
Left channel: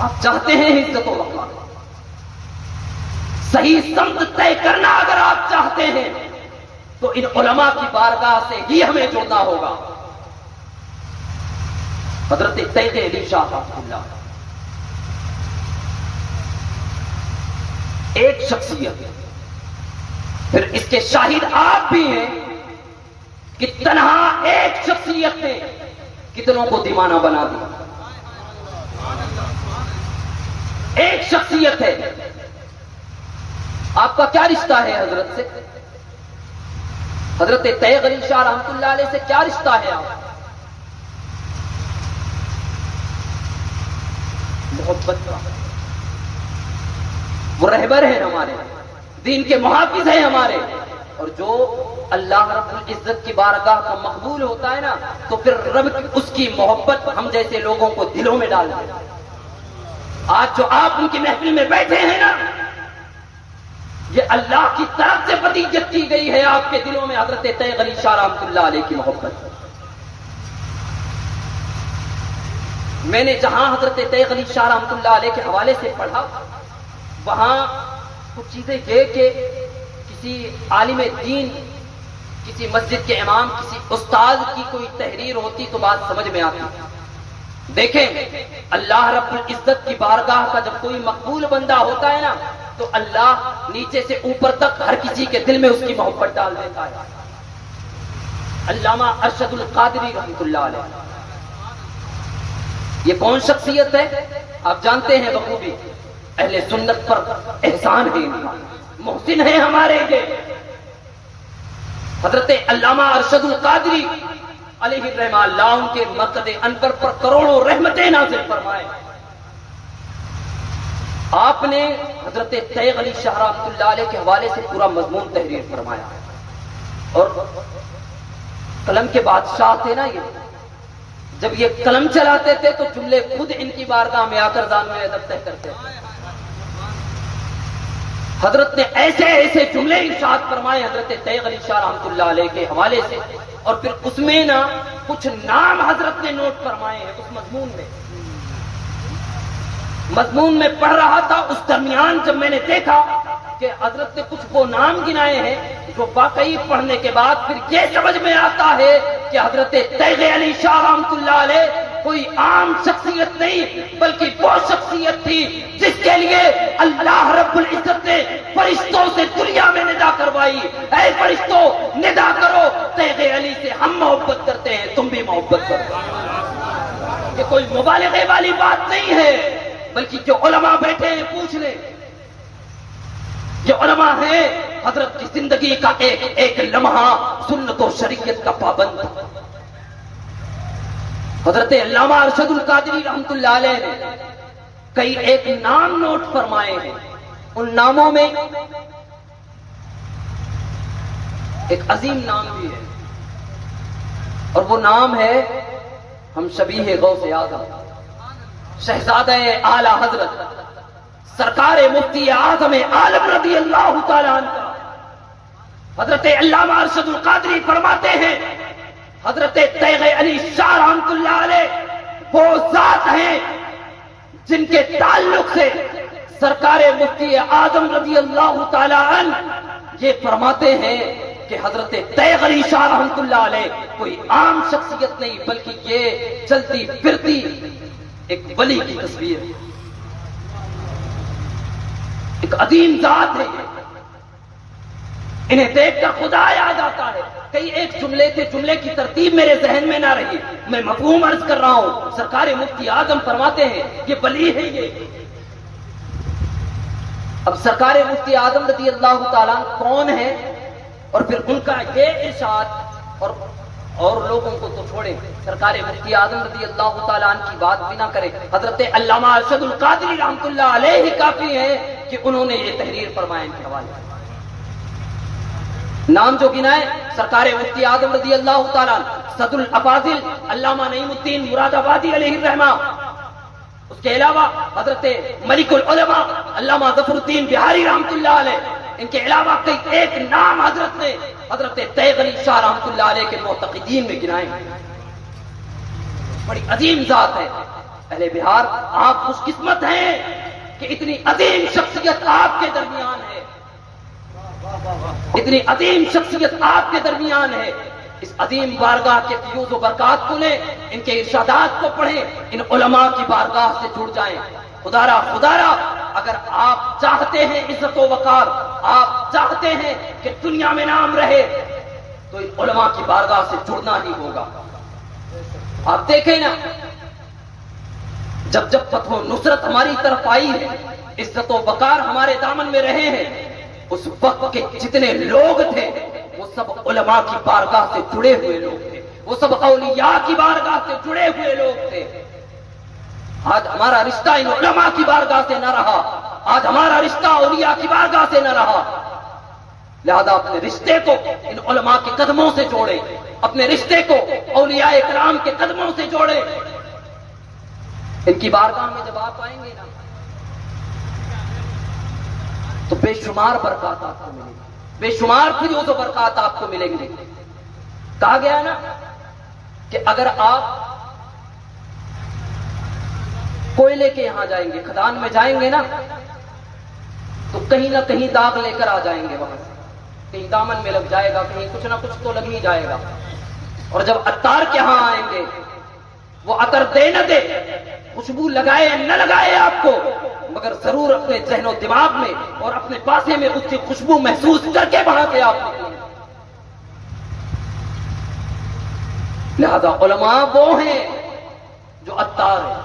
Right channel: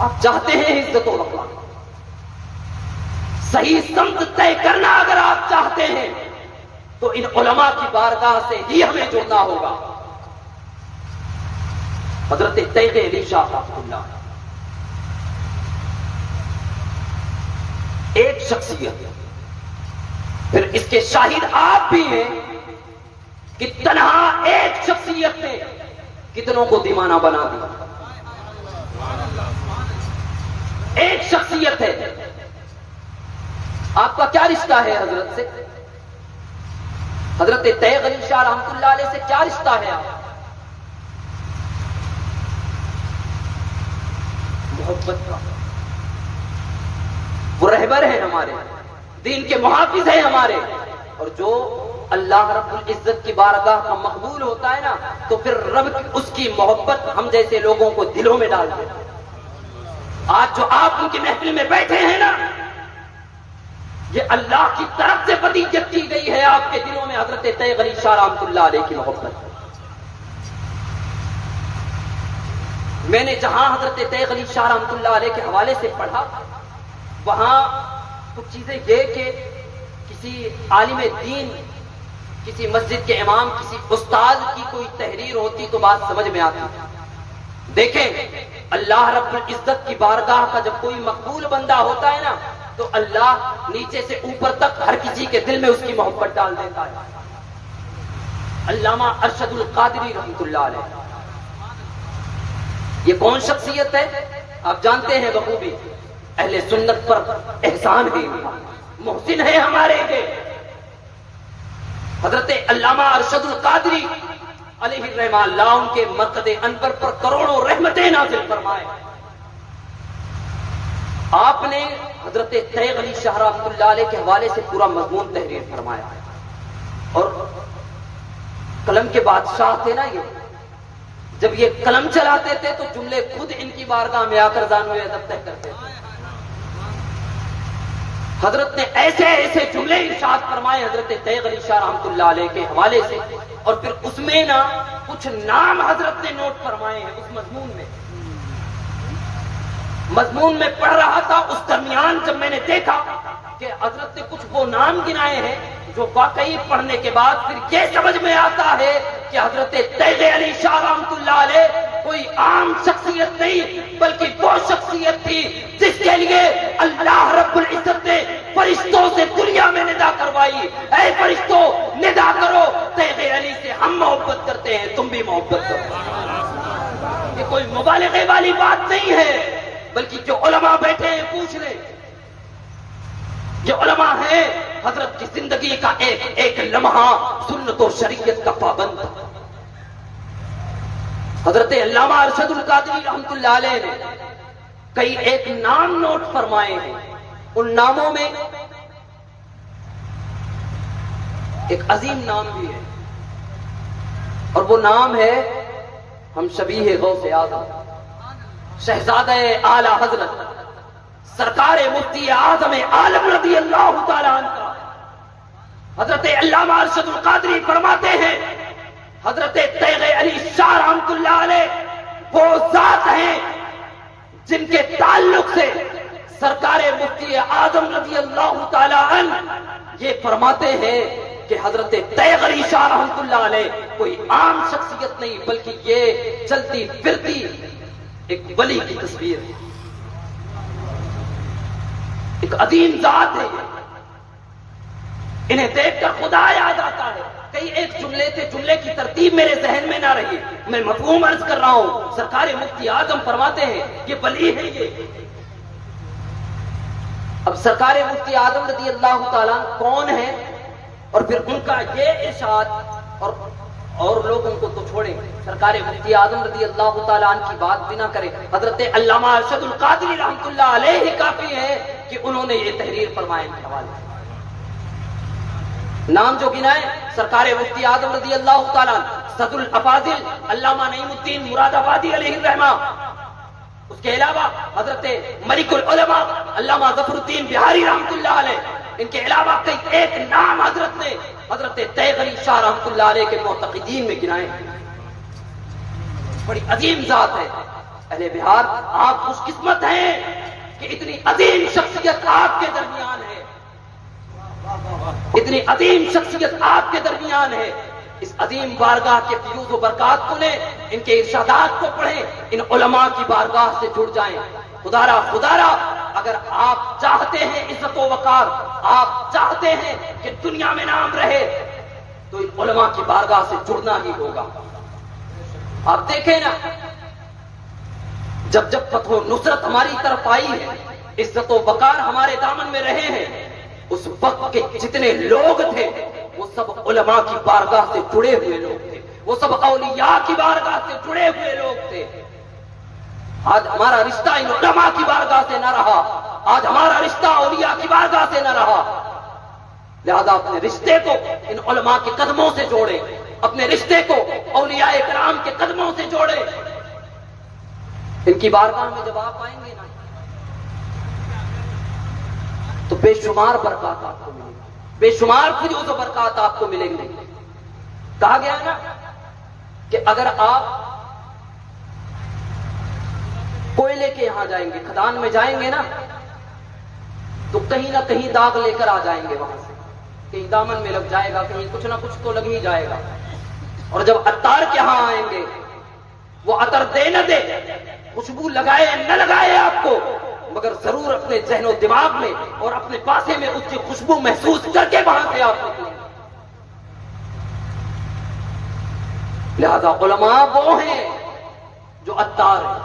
آپ چاہتے ہیں عزت و وقار، صحیح سمت طے کرنا اگر آپ چاہتے ہیں تو ان علماء کی بارگاہ سے ہی ہمیں جڑنا ہوگا۔ حضرت تیغ علی شاہ رحمۃ اللہ ایک شخصیت، پھر اس کے شاہد آپ بھی ہیں کہ تنہا ایک شخصیت نے کتنوں کو دیوانہ بنا دیا۔ ایک شخصیت ہے۔ آپ کا کیا رشتہ ہے حضرت سے؟ حضرت تیغ علی شاہ رحمۃ اللہ علیہ سے کیا رشتہ ہے آپ؟ محبت کا، وہ رہبر ہیں ہمارے، دین کے محافظ ہیں ہمارے، اور جو اللہ رب العزت کی بارگاہ کا مقبول ہوتا ہے نا تو پھر رب اس کی محبت ہم جیسے لوگوں کو دلوں میں ڈال دے۔ آج جو آپ ان کی محفل میں بیٹھے ہیں نا، یہ اللہ کی طرف سے فضیلت کی گئی ہے آپ کے دلوں میں حضرت طیب علی شاہ رحمۃ اللہ علیہ کی محبت۔ میں نے جہاں حضرت طیب علی شاہ رحمۃ اللہ علیہ کے حوالے سے پڑھا، وہاں کچھ چیزیں یہ کہ کسی عالم دین، کسی مسجد کے امام، کسی استاد کی کوئی تحریر ہوتی تو بات سمجھ میں آتی۔ دیکھیں، اللہ رب العزت کی بارگاہ کا جب کوئی مقبول بندہ ہوتا ہے نا تو اللہ نیچے سے اوپر تک ہر کسی کے دل میں اس کی محبت ڈال دیتا ہے۔ علامہ ارشد القادری رحمۃ اللہ علیہ، یہ کون شخصیت ہے؟ آپ جانتے ہیں بخوبی، اہل سنت پر احسان ہے، محسن ہے ہمارے یہ حضرت علامہ ارشد القادری علیہ الرحمہ، اللہ ان کے مرقد انور پر کروڑوں رحمتیں نازل فرمائے۔ آپ نے حضرت طیب علی شاہ رحمۃ اللہ علیہ کے حوالے سے پورا مضمون تحریر فرمایا، اور قلم کے بادشاہ تھے نا یہ، جب یہ قلم چلاتے تھے تو جملے خود ان کی بارگاہ میں آ کر زانوئے ادب طے کرتے تھے۔ حضرت نے ایسے ایسے جملے ارشاد فرمائے حضرت طیب علی شاہ رحمۃ اللہ علیہ کے حوالے سے، اور پھر اس میں نا کچھ نام حضرت نے نوٹ فرمائے ہیں اس مضمون میں پڑھ رہا تھا، اس درمیان جب میں نے دیکھا کہ حضرت نے کچھ وہ نام گنائے ہیں جو واقعی پڑھنے کے بعد پھر یہ سمجھ میں آتا ہے کہ حضرت طیب علی شاہ رحمۃ اللہ علیہ کوئی عام شخصیت نہیں بلکہ وہ شخصیت تھی جس کے لیے اللہ رب العزت نے فرشتوں سے دنیا میں ندا کروائی، اے فرشتوں ندا کرو، طیب علی سے ہم محبت کرتے ہیں، تم بھی محبت کرو۔ یہ کوئی مبالغے والی بات نہیں ہے، بلکہ جو علماء بیٹھے ہیں پوچھ لیں، جو علماء ہیں حضرت کی زندگی کا ایک ایک لمحہ سنت و شریعت کا پابند تھا۔ حضرت علامہ ارشد القادری رحمۃ اللہ علیہ نے کئی ایک نام نوٹ فرمائے ہیں، ان ناموں میں ایک عظیم نام بھی ہے، اور وہ نام ہے ہم شبیہ غوث اعظم شہزادہ اعلی حضرت سرکار مفتی اعظم عالم رضی اللہ تعالیٰ عنہ کا۔ حضرت علامہ ارشد القادری فرماتے ہیں حضرت طیب علی شاہ رحمۃ اللہ علیہ وہ ذات ہیں جن کے تعلق سے سرکار مفتی اعظم رضی اللہ تعالیٰ عنہ یہ فرماتے ہیں کہ حضرت طیب علی شاہ رحمۃ اللہ علیہ کوئی عام شخصیت نہیں بلکہ یہ چلتی پھرتی ایک ولی کی تصویر ہے، ایک عظیم ذات ہے، انہیں دیکھ کر خدا یاد آتا ہے۔ کئی ایک جملے تھے، جملے کی ترتیب میرے ذہن میں نہ رہی، میں مفہوم عرض کر رہا ہوں۔ سرکار مفتی اعظم فرماتے ہیں یہ ولی ہے یہ۔ اب سرکار مفتی اعظم رضی اللہ تعالیٰ کون ہے، اور پھر ان کا یہ ارشاد، اور لوگوں کو تو چھوڑیں، سرکار مفتی اعظم رضی اللہ تعالیٰ عنہ کی بات بھی نہ کریں، حضرت علامہ ارشد القادری رحمۃ اللہ علیہ کافی ہے کہ انہوں نے یہ تحریر فرمائے ان کے حوالے۔ نام جو گنا ہے سرکار مفتی اعظم رضی اللہ تعالیٰ عنہ، صدر الافاضل علامہ نعیم الدین مراد آبادی علیہ الرحمہ، اس کے علاوہ حضرت ملک العلماء علامہ ظفر الدین بہاری رحمۃ اللہ علیہ، ان کے علاوہ کئی ایک نام حضرت نے حضرت طیب علی شاہ رحمۃ اللہ علیہ کے معتقدین میں گنائے۔ بڑی عظیم ذات ہے اہل بہار، آپ خوش قسمت ہیں کہ اتنی عظیم شخصیت آپ کے درمیان ہے، اتنی عظیم شخصیت آپ کے درمیان ہے۔ اس عظیم بارگاہ کے فیوز و برکات کو لیں، ان کے ارشادات کو پڑھیں، ان علماء کی بارگاہ سے جڑ جائیں۔ خدارا اگر آپ چاہتے ہیں عزت و وقار، آپ چاہتے ہیں کہ دنیا میں نام رہے، تو ان علماء کی بارگاہ سے جڑنا ہی ہوگا۔ آپ دیکھیں نا، جب فتح و نصرت ہماری طرف آئی ہے، عزت و وقار ہمارے دامن میں رہے ہیں، اس وقت کے جتنے لوگ تھے وہ سب علماء کی بارگاہ سے جڑے ہوئے لوگ تھے، وہ سب اولیاء کی بارگاہ سے جڑے ہوئے لوگ تھے۔ آج ہمارا رشتہ ان علماء کی بارگاہ سے نہ رہا، آج ہمارا رشتہ اولیاء کی بارگاہ سے نہ رہا. لہذا اپنے رشتے کو ان علماء کے قدموں سے جوڑے، اپنے رشتے کو اولیاء کرام کے قدموں سے جوڑے. ان کی بارگاہ میں جب آپ آئیں گے نا تو بے شمار برکات آپ کو ملیں گے، بے شمار فیوز و برکات آپ کو ملیں گے. کہا گیا نا کہ اگر آپ کوئلے کے یہاں جائیں گے، کھدان میں جائیں گے نا تو کہیں نہ کہیں داغ لے کر آ جائیں گے وہاں سے، کہیں دامن میں لگ جائے گا، کہیں کچھ نہ کچھ تو لگ ہی جائے گا. اور جب عطار کے ہاں آئیں گے، وہ عطر دے نہ دے، خوشبو لگائے نہ لگائے آپ کو، مگر ضرور اپنے ذہن و دماغ میں اور اپنے پاسے میں اس کی خوشبو محسوس کر کے وہاں سے آپ نکلیں گے. لہذا علماء وہ ہیں جو عطار ہیں.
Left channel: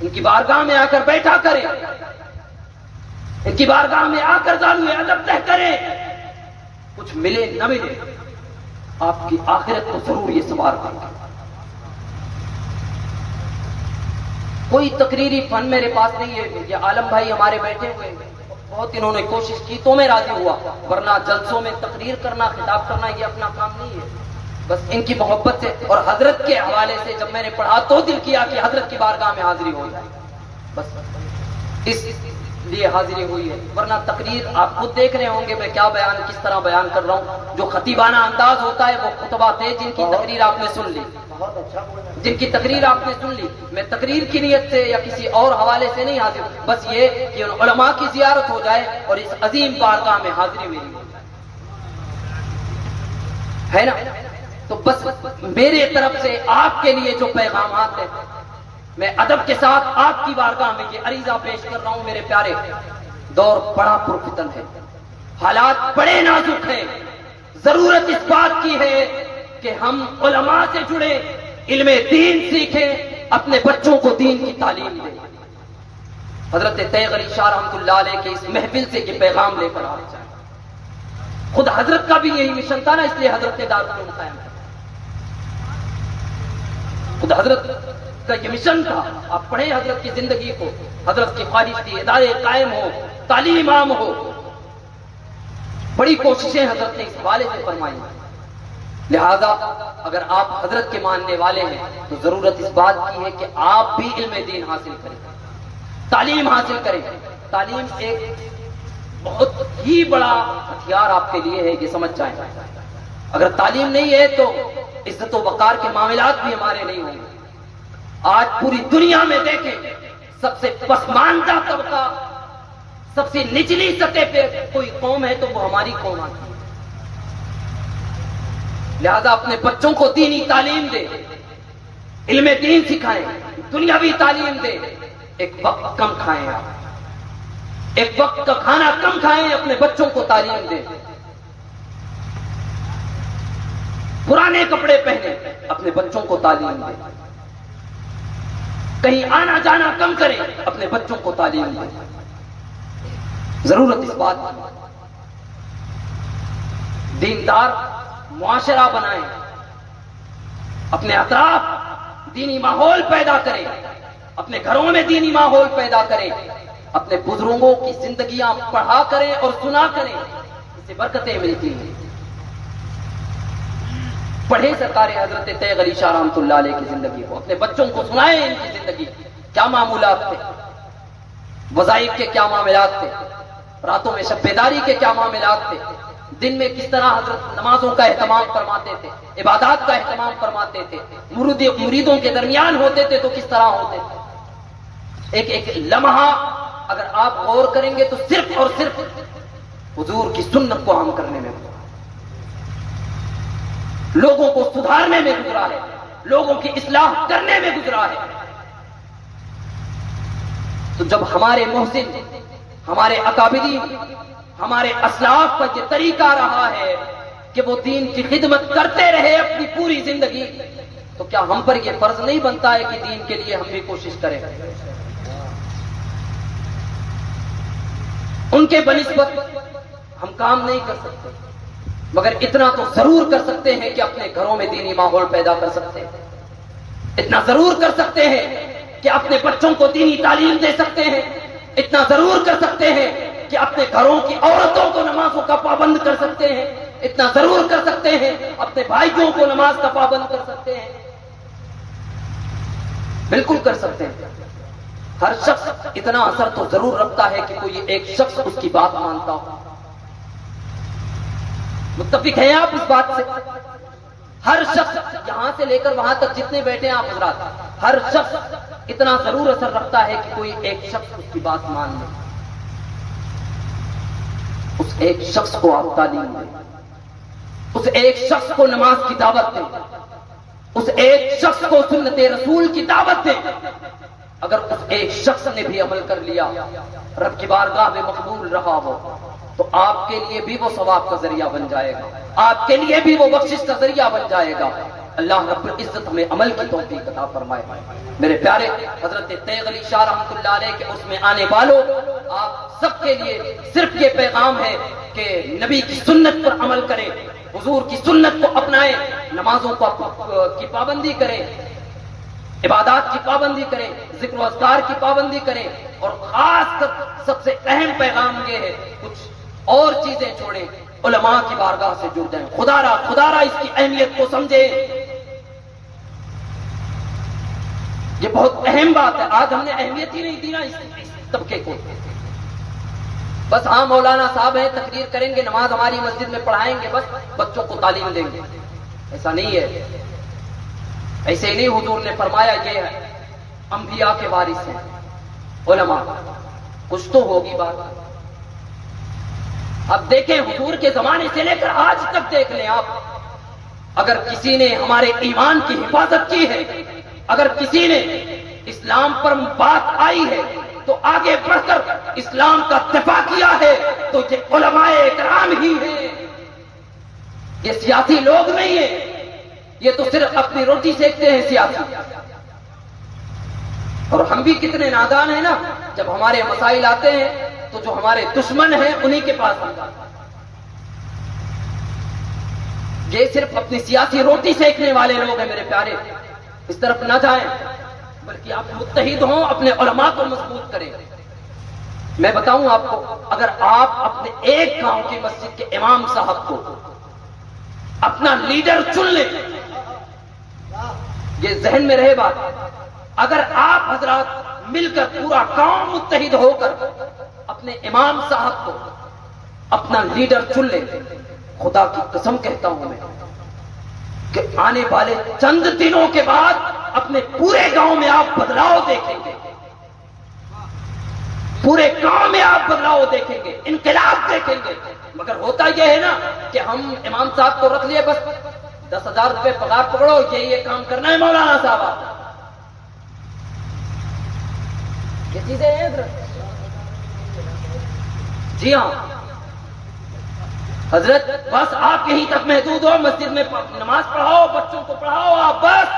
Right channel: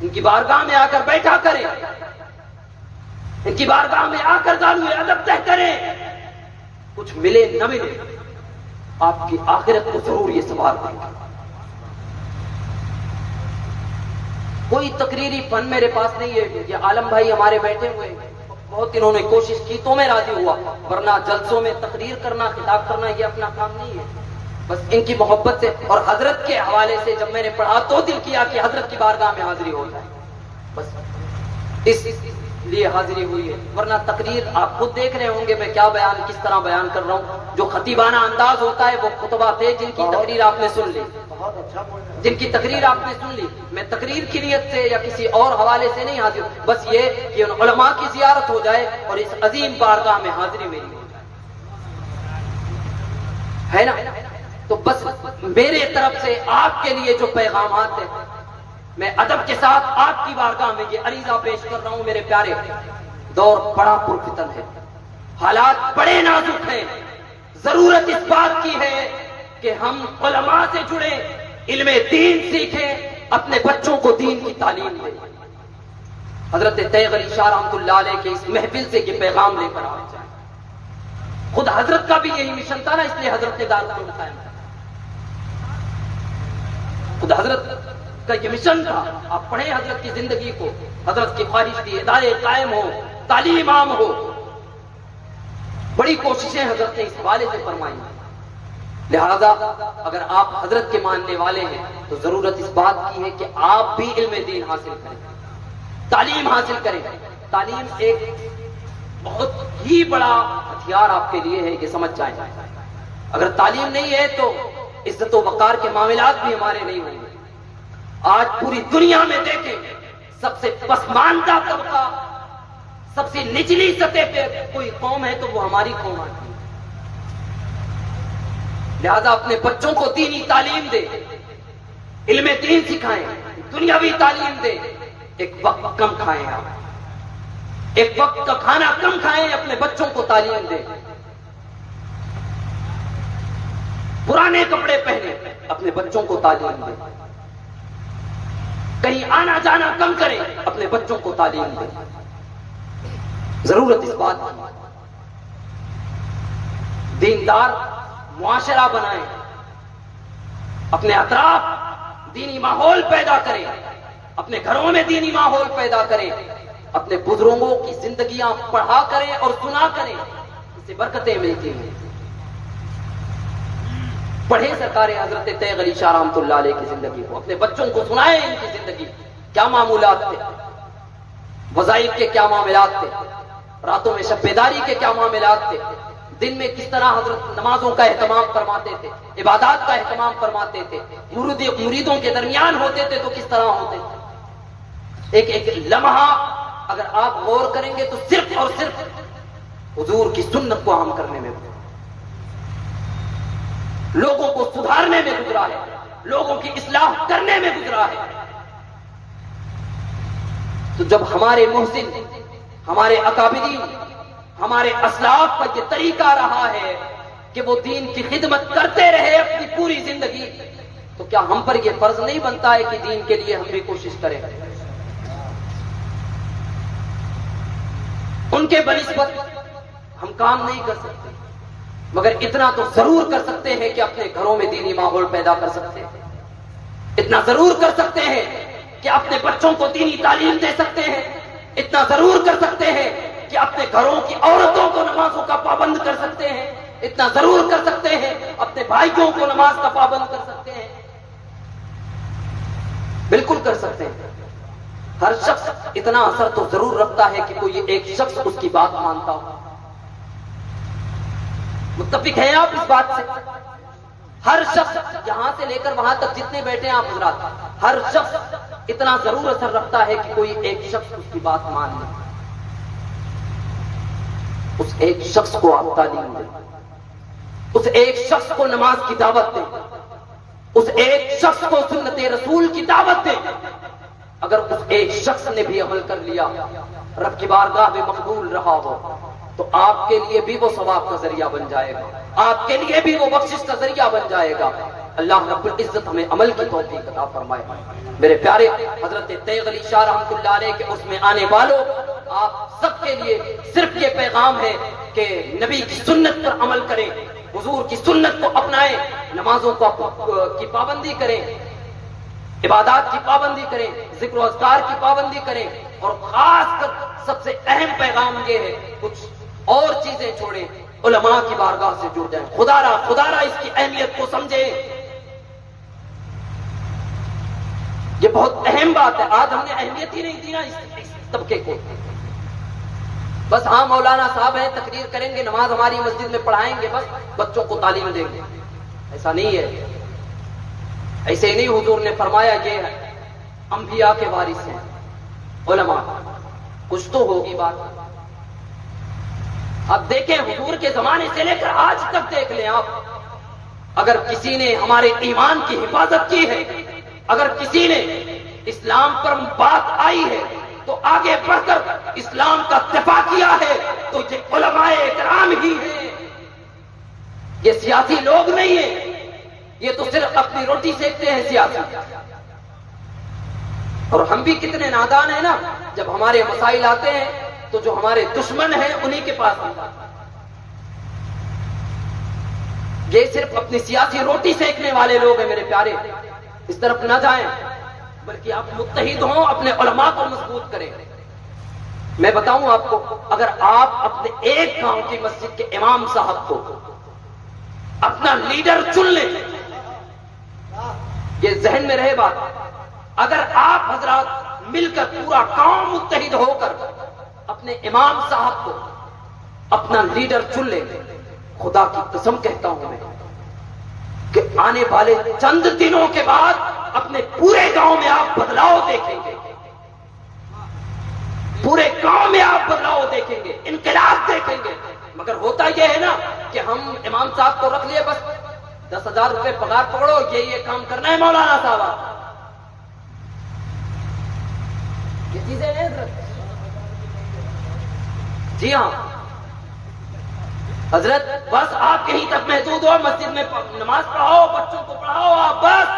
ان کی بارگاہ میں آ کر بیٹھا کریں، ان کی بارگاہ میں آ کر دانوئے ادب طے کریں. کچھ ملے نہ ملے آپ کی آخرت کو ضرور یہ سوال کریں. کوئی تقریری فن میرے پاس نہیں ہے. یہ عالم بھائی ہمارے بیٹھے ہوئے ہیں، بہت انہوں نے کوشش کی تو میں راضی ہوا، ورنہ جلسوں میں تقریر کرنا، خطاب کرنا یہ اپنا کام نہیں ہے. بس ان کی محبت سے اور حضرت کے حوالے سے جب میں نے پڑھا تو دل کیا کہ حضرت کی بارگاہ میں حاضری ہو جائے، بس اس لیے حاضری ہوئی ہے. ورنہ تقریر آپ خود دیکھ رہے ہوں گے میں کیا بیان، کس طرح بیان کر رہا ہوں. جو خطیبانہ انداز ہوتا ہے وہ خطبہ تھے جن کی تقریر آپ نے سن لی، جن کی تقریر آپ نے سن لی. میں تقریر کی نیت سے یا کسی اور حوالے سے نہیں حاضر، بس یہ کہ ان علماء کی زیارت ہو جائے اور اس عظیم بارگاہ میں حاضری میری ہو جائے، ہے نا. تو بس میرے طرف سے آپ کے لیے جو پیغامات ہیں میں ادب کے ساتھ آپ کی بارگاہ میں یہ عریضہ پیش کر رہا ہوں. میرے پیارے، دور بڑا پرفتن ہے، حالات بڑے نازک ہیں. ضرورت اس بات کی ہے کہ ہم علماء سے جڑے، علم دین سیکھیں، اپنے بچوں کو دین کی تعلیم دیں. حضرت تیغ علی شاہ رحمۃ اللہ علیہ کے اس محفل سے یہ پیغام لے کر آپ جائیں. خود حضرت کا بھی یہی مشن تھا نا، اس لیے حضرت نے دارالعلوم قائم کیا. خود حضرت کا یہ مشن تھا. آپ پڑھیں حضرت کی زندگی کو، حضرت کی خواہش تھی ادارے قائم ہو، تعلیم عام ہو. بڑی کوششیں حضرت نے اس حوالے سے فرمائی. لہذا اگر آپ حضرت کے ماننے والے ہیں تو ضرورت اس بات کی ہے کہ آپ بھی علم دین حاصل کریں، تعلیم حاصل کریں. تعلیم ایک بہت ہی بڑا ہتھیار آپ کے لیے ہے، یہ سمجھ جائیں. اگر تعلیم نہیں ہے تو عزت و وقار کے معاملات بھی ہمارے نہیں ہوں گے. آج پوری دنیا میں دیکھیں سب سے پسماندہ طبقہ، سب سے نچلی سطح پہ کوئی قوم ہے تو وہ ہماری قوم آتی ہے. لہذا اپنے بچوں کو دینی تعلیم دے، علم دین سکھائیں، دنیاوی تعلیم دے. ایک وقت کم کھائیں، آپ ایک وقت کا کھانا کم کھائیں، اپنے بچوں کو تعلیم دیں. پرانے کپڑے پہنے، اپنے بچوں کو تعلیم دیں. کہیں آنا جانا کم کریں، اپنے بچوں کو تعلیم دیں. ضرورت اس بات کی. دیندار معاشرہ بنائیں، اپنے اطراف دینی ماحول پیدا کریں، اپنے گھروں میں دینی ماحول پیدا کریں، اپنے بزرگوں کی زندگیاں پڑھا کریں اور سنا کریں. اس سے برکتیں ملتی ہیں. پڑھیں سرکار حضرت تیغ علی شاہ رحمۃ اللہ علیہ کی زندگی کو، اپنے بچوں کو سنائیں ان کی زندگی کیا معمولات تھے، وظائف کے کیا معاملات تھے، راتوں میں شب بیداری کے کیا معاملات تھے، دن میں کس طرح حضرت نمازوں کا اہتمام فرماتے تھے، عبادات کا اہتمام فرماتے تھے، مریدوں کے درمیان ہوتے تھے تو کس طرح ہوتے تھے. ایک ایک لمحہ اگر آپ غور کریں گے تو صرف اور صرف حضور کی سنت کو عام کرنے میں گزرا، لوگوں کو سدھارنے میں گزرا ہے، لوگوں کی اصلاح کرنے میں گزرا ہے. تو جب ہمارے محسن، ہمارے اکابرین، ہمارے اسلاف کا یہ طریقہ رہا ہے کہ وہ دین کی خدمت کرتے رہے اپنی پوری زندگی، تو کیا ہم پر یہ فرض نہیں بنتا ہے کہ دین کے لیے ہم بھی کوشش کریں؟ ان کے بنسبت ہم کام نہیں کر سکتے، مگر اتنا تو ضرور کر سکتے ہیں کہ اپنے گھروں میں دینی ماحول پیدا کر سکتے ہیں. اتنا ضرور کر سکتے ہیں کہ اپنے بچوں کو دینی تعلیم دے سکتے ہیں، اتنا ضرور کر سکتے ہیں کہ اپنے گھروں کی عورتوں کو نمازوں کا پابند کر سکتے ہیں، اتنا ضرور کر سکتے ہیں اپنے بھائیوں کو نماز کا پابند کر سکتے ہیں، بالکل کر سکتے ہیں۔ ہر شخص اتنا اثر تو ضرور رکھتا ہے کہ کوئی ایک شخص اس کی بات مانتا ہو۔ متفق ہیں آپ اس بات سے؟ ہر شخص یہاں سے لے کر وہاں تک جتنے بیٹھے ہیں آپ حضرات، ہر شخص اتنا ضرور اثر رکھتا ہے کہ کوئی ایک شخص اس کی بات مان لے، اس ایک شخص کو آپ تعلیم دیں، اس ایک شخص کو نماز کی دعوت دیں، اس ایک شخص کو سنت رسول کی دعوت دیں۔ اگر اس ایک شخص نے بھی عمل کر لیا، رب کی بارگاہ میں مقبول رہا ہو، تو آپ کے لیے بھی وہ ثواب کا ذریعہ بن جائے گا، آپ کے لیے بھی وہ بخشش کا ذریعہ بن جائے گا۔ اللہ رب العزت ہمیں عمل کی توفیق عطا فرمائے۔ میرے پیارے حضرت تیغ علی شاہ رحمۃ اللہ علیہ کے اس میں آنے والوں، آپ سب کے لیے صرف یہ پیغام ہے کہ نبی کی سنت پر عمل کریں، حضور کی سنت کو اپنائیں، نمازوں کی پابندی کریں، عبادات کی پابندی کریں، ذکر و اذکار کی پابندی کریں، اور خاص کر سب سے اہم پیغام یہ ہے کچھ اور چیزیں چھوڑیں، علماء کی بارگاہ سے جڑ جائیں۔ خدا را اس کی اہمیت کو سمجھیں، یہ بہت اہم بات ہے۔ آج ہم نے اہمیت ہی نہیں دی نا اس طبقے کو، بس ہاں مولانا صاحب ہیں، تقریر کریں گے، نماز ہماری مسجد میں پڑھائیں گے، بس بچوں کو تعلیم دیں گے۔ ایسا نہیں ہے، ایسے ہی نہیں۔ حضور نے فرمایا یہ انبیاء کے وارث ہیں علماء، کچھ تو ہوگی بات۔ اب دیکھیں حضور کے زمانے سے لے کر آج تک دیکھ لیں آپ، اگر کسی نے ہمارے ایمان کی حفاظت کی ہے، اگر کسی نے اسلام پر بات آئی ہے تو آگے بڑھ کر اسلام کا دفاع کیا ہے تو یہ علماء اکرام ہی ہیں، یہ سیاسی لوگ نہیں ہیں، یہ تو صرف اپنی روٹی سیکتے ہیں سیاسی۔ اور ہم بھی کتنے نادان ہیں نا، جب ہمارے مسائل آتے ہیں تو جو ہمارے دشمن ہیں انہی کے پاس آتا ہے۔ یہ صرف اپنی سیاسی روٹی سیکنے والے لوگ ہیں۔ میرے پیارے، اس طرف نہ جائیں، بلکہ آپ متحد ہوں، اپنے علماء کو مضبوط کریں۔ میں بتاؤں آپ کو، اگر آپ اپنے ایک گاؤں کی مسجد کے امام صاحب کو اپنا لیڈر چن لیں، یہ ذہن میں رہے بات، اگر آپ حضرات مل کر پورا گاؤں متحد ہو کر اپنے امام صاحب کو اپنا لیڈر چن لیں، خدا کی قسم کہتا ہوں میں کہ آنے والے چند دنوں کے بعد اپنے پورے گاؤں میں آپ بدلاؤ دیکھیں گے، پورے گاؤں میں آپ بدلاؤ دیکھیں گے، انقلاب دیکھیں گے۔ مگر ہوتا یہ ہے نا کہ ہم امام صاحب کو رکھ لیے، بس 10,000 روپے پگار پکڑو، یہ کام کرنا ہے مولانا صاحب۔ یہ چیزیں ہیں حضرت، جی ہاں حضرت، بس آپ یہیں تک محدود ہو، مسجد میں نماز پڑھاؤ، بچوں کو پڑھاؤ، آپ بس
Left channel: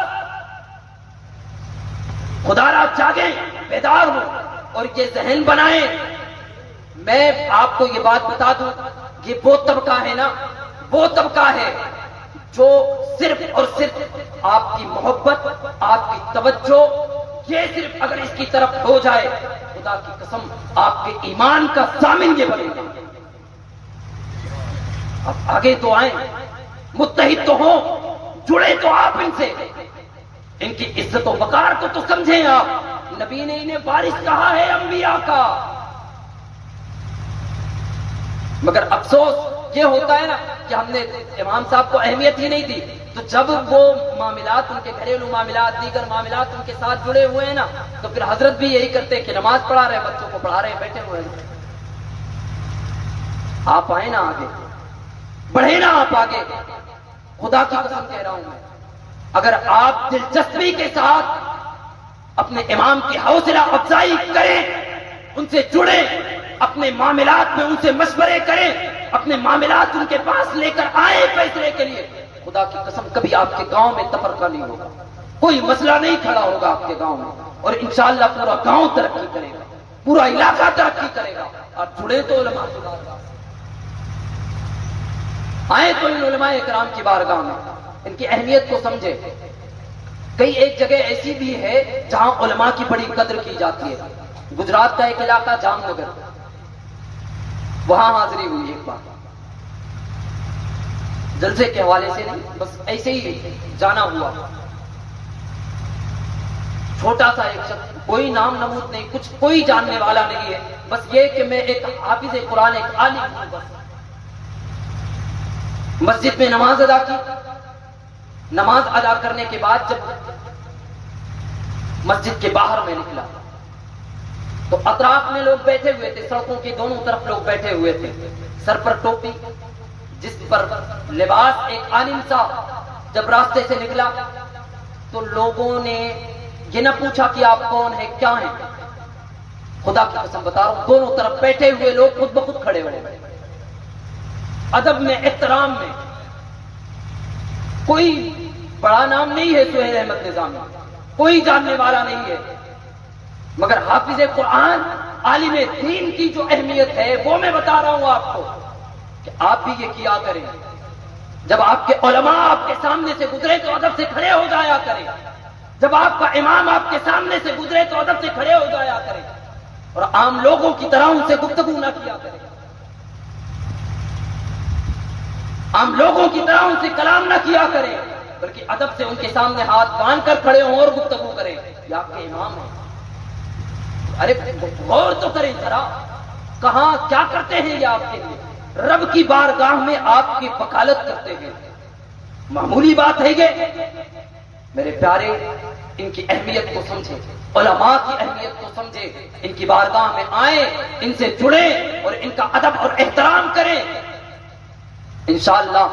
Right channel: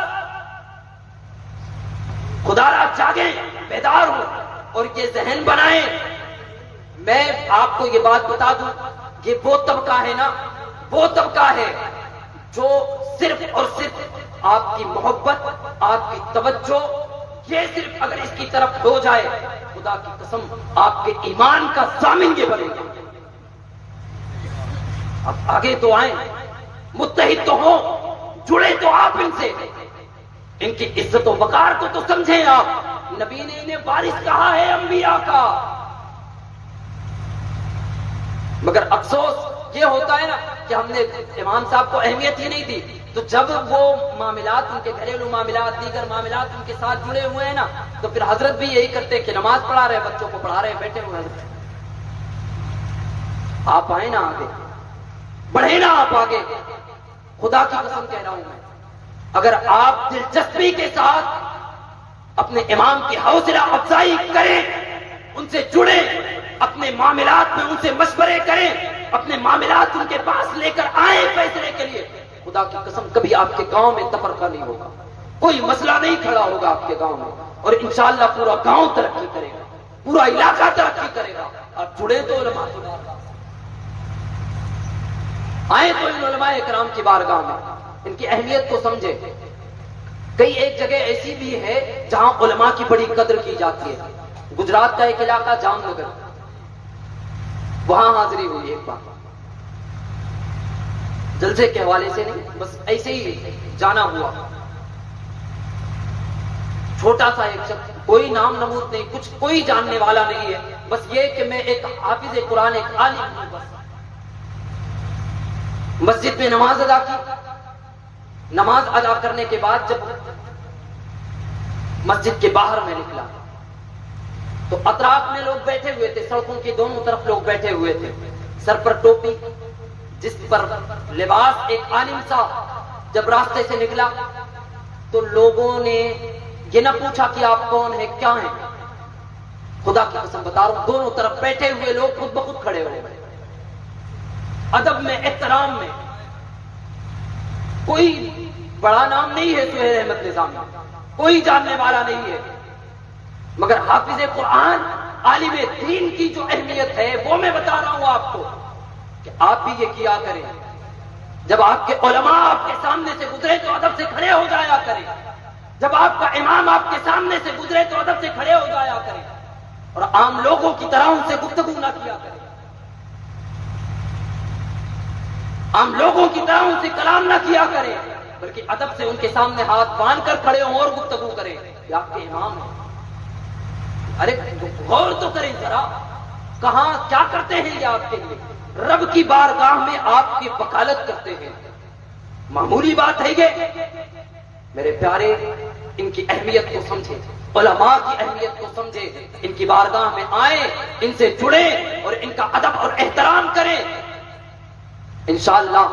خدا را جاگیں، بیدار ہو اور یہ ذہن بنائیں۔ میں آپ کو یہ بات بتا دوں، یہ وہ طبقہ ہے نا، وہ طبقہ ہے جو صرف اور صرف آپ کی محبت، آپ کی توجہ، یہ صرف اگر اس کی طرف ہو جائے، خدا کی قسم آپ کے ایمان کا ضامن یہ بنے گا۔ اب آگے تو آئیں، متحد تو ہوں، جڑے تو آپ ان سے، ان کی عزت و وقار کو تو سمجھیں آپ۔ نبی نے انہیں وارث کہا ہے انبیاء کا، مگر افسوس یہ ہوتا ہے نا کہ ہم نے امام صاحب کو اہمیت ہی نہیں دی، تو جب وہ معاملات، ان کے گھریلو معاملات، دیگر معاملات ان کے ساتھ جڑے ہوئے ہیں نا، تو پھر حضرت بھی یہی کرتے کہ نماز پڑھا رہے، بچوں کو پڑھا رہے، بیٹھے ہوئے ہیں۔ آپ آئیں نا آگے، بڑھیں نا آپ آگے، خدا کی قسم کہہ رہا ہوں میں، اگر آپ دلچسپی کے ساتھ اپنے امام کی حوصلہ افزائی کریں، ان سے جڑیں، اپنے معاملات میں ان سے مشورے کریں، اپنے معاملات ان کے پاس لے کر آئیں فیصلے کے لیے، خدا کی قسم کبھی آپ کے گاؤں میں تفرقہ نہیں ہوگا، کوئی مسئلہ نہیں کھڑا ہوگا آپ کے گاؤں میں، اور انشاءاللہ پورا گاؤں ترقی کرے گا، پورا علاقہ ترقی کرے گا۔ آپ جڑے تو علماء کی بارگاہ سے، آئے تو ان علماء اکرام کی بارگاہ میں، ان کی اہمیت کو سمجھے۔ کئی ایک جگہ ایسی بھی ہے جہاں علماء کی بڑی قدر کی جاتی ہے. گجرات کا ایک علاقہ جام نگر، وہاں حاضری ہوئی ایک بار، جلسے کے حوالے سے نہیں، بس ایسے ہی جانا ہوا. چھوٹا سا ایک شخص، کوئی نام نمود نہیں، کچھ کوئی جاننے والا نہیں ہے، بس یہ کہ میں ایک حافظ قرآن، ایک عالم ہوں. بس مسجد میں نماز ادا کی. نماز ادا کرنے کے بعد جب مسجد کے باہر میں نکلا تو اطراف میں لوگ بیٹھے ہوئے تھے، سڑکوں کی دونوں طرف لوگ بیٹھے ہوئے تھے، سر پر ٹوپی، جس پر لباس ایک عالم سا. جب راستے سے نکلا تو لوگوں نے یہ نہ پوچھا کہ آپ کون ہیں، کیا ہیں. خدا کی قسم بتا رہا ہوں، دونوں طرف بیٹھے ہوئے لوگ خود بخود کھڑے ہو گئے. ادب میں، احترام میں. کوئی بڑا نام نہیں ہے سہیل احمد نظامی، کوئی جاننے والا نہیں ہے، مگر حافظ قرآن، عالم دین کی جو اہمیت ہے وہ میں بتا رہا ہوں آپ کو، کہ آپ بھی یہ کیا کریں. جب آپ کے علماء آپ کے سامنے سے گزرے تو ادب سے کھڑے ہو جایا کریں. جب آپ کا امام آپ کے سامنے سے گزرے تو ادب سے کھڑے ہو جایا کریں، اور عام لوگوں کی طرح ان سے گفتگو نہ کیا کریں، عام لوگوں کی طرح ان سے کلام نہ کیا کریں، بلکہ ادب سے ان کے سامنے ہاتھ باندھ کر کھڑے ہوں اور گفتگو کریں. یہ آپ کے امام ہیں. ارے غور تو کریں ذرا، کہاں کیا کرتے ہیں یہ آپ کے لیے. رب کی بارگاہ میں آپ کی وکالت کرتے ہیں، معمولی بات ہے یہ. میرے پیارے، ان کی اہمیت کو سمجھیں، علماء کی اہمیت کو سمجھیں، ان کی بارگاہ میں آئیں، ان سے جڑیں اور ان کا ادب اور احترام کریں. انشاءاللہ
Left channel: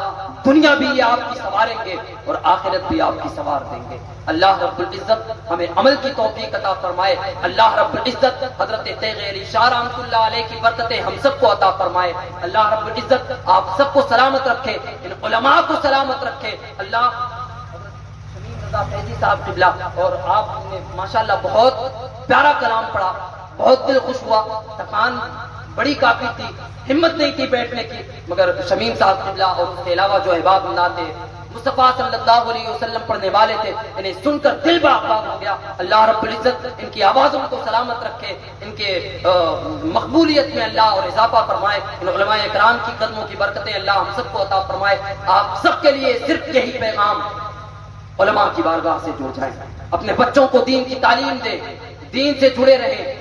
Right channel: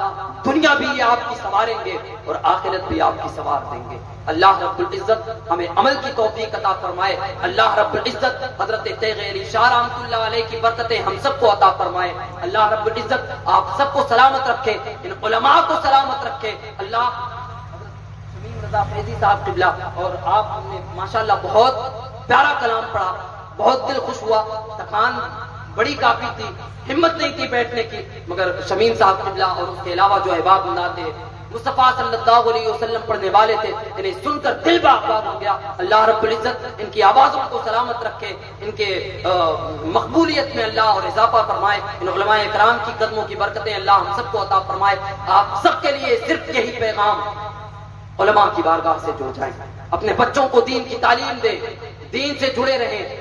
دنیا بھی یہ آپ کی سنواریں گے اور آخرت بھی آپ کی سنوار دیں گے. اللہ رب العزت ہمیں عمل کی توفیق عطا فرمائے. اللہ رب العزت حضرت تیغ علی شاہ رحمۃ اللہ علیہ کی برکتیں ہم سب کو عطا فرمائے. اللہ رب العزت آپ سب کو سلامت رکھے، ان علماء کو سلامت رکھے. اللہ شمیم رضا فیضی صاحب قبلہ، اور آپ نے ماشاءاللہ بہت پیارا کلام پڑھا، بہت دل خوش ہوا. تھکان بڑی کافی تھی، ہمت نہیں تھی بیٹھنے کی، مگر شمیم صاحب قبلہ اور اس کے علاوہ جو احباب اللہ تھے، مصطفیٰ صلی اللہ علیہ وسلم پڑھنے والے تھے، انہیں سن کر دل باغ ہو گیا. اللہ رب العزت ان کی آوازوں کو سلامت رکھے، ان کے مقبولیت میں اللہ اور اضافہ فرمائے. ان علماء اکرام کی قدموں کی برکتیں اللہ ہم سب کو عطا فرمائے. آپ سب کے لیے صرف یہی پیغام، علماء کی بارگاہ سے جڑ جائیں، اپنے بچوں کو دین کی تعلیم دیں، دین سے جڑے رہیں.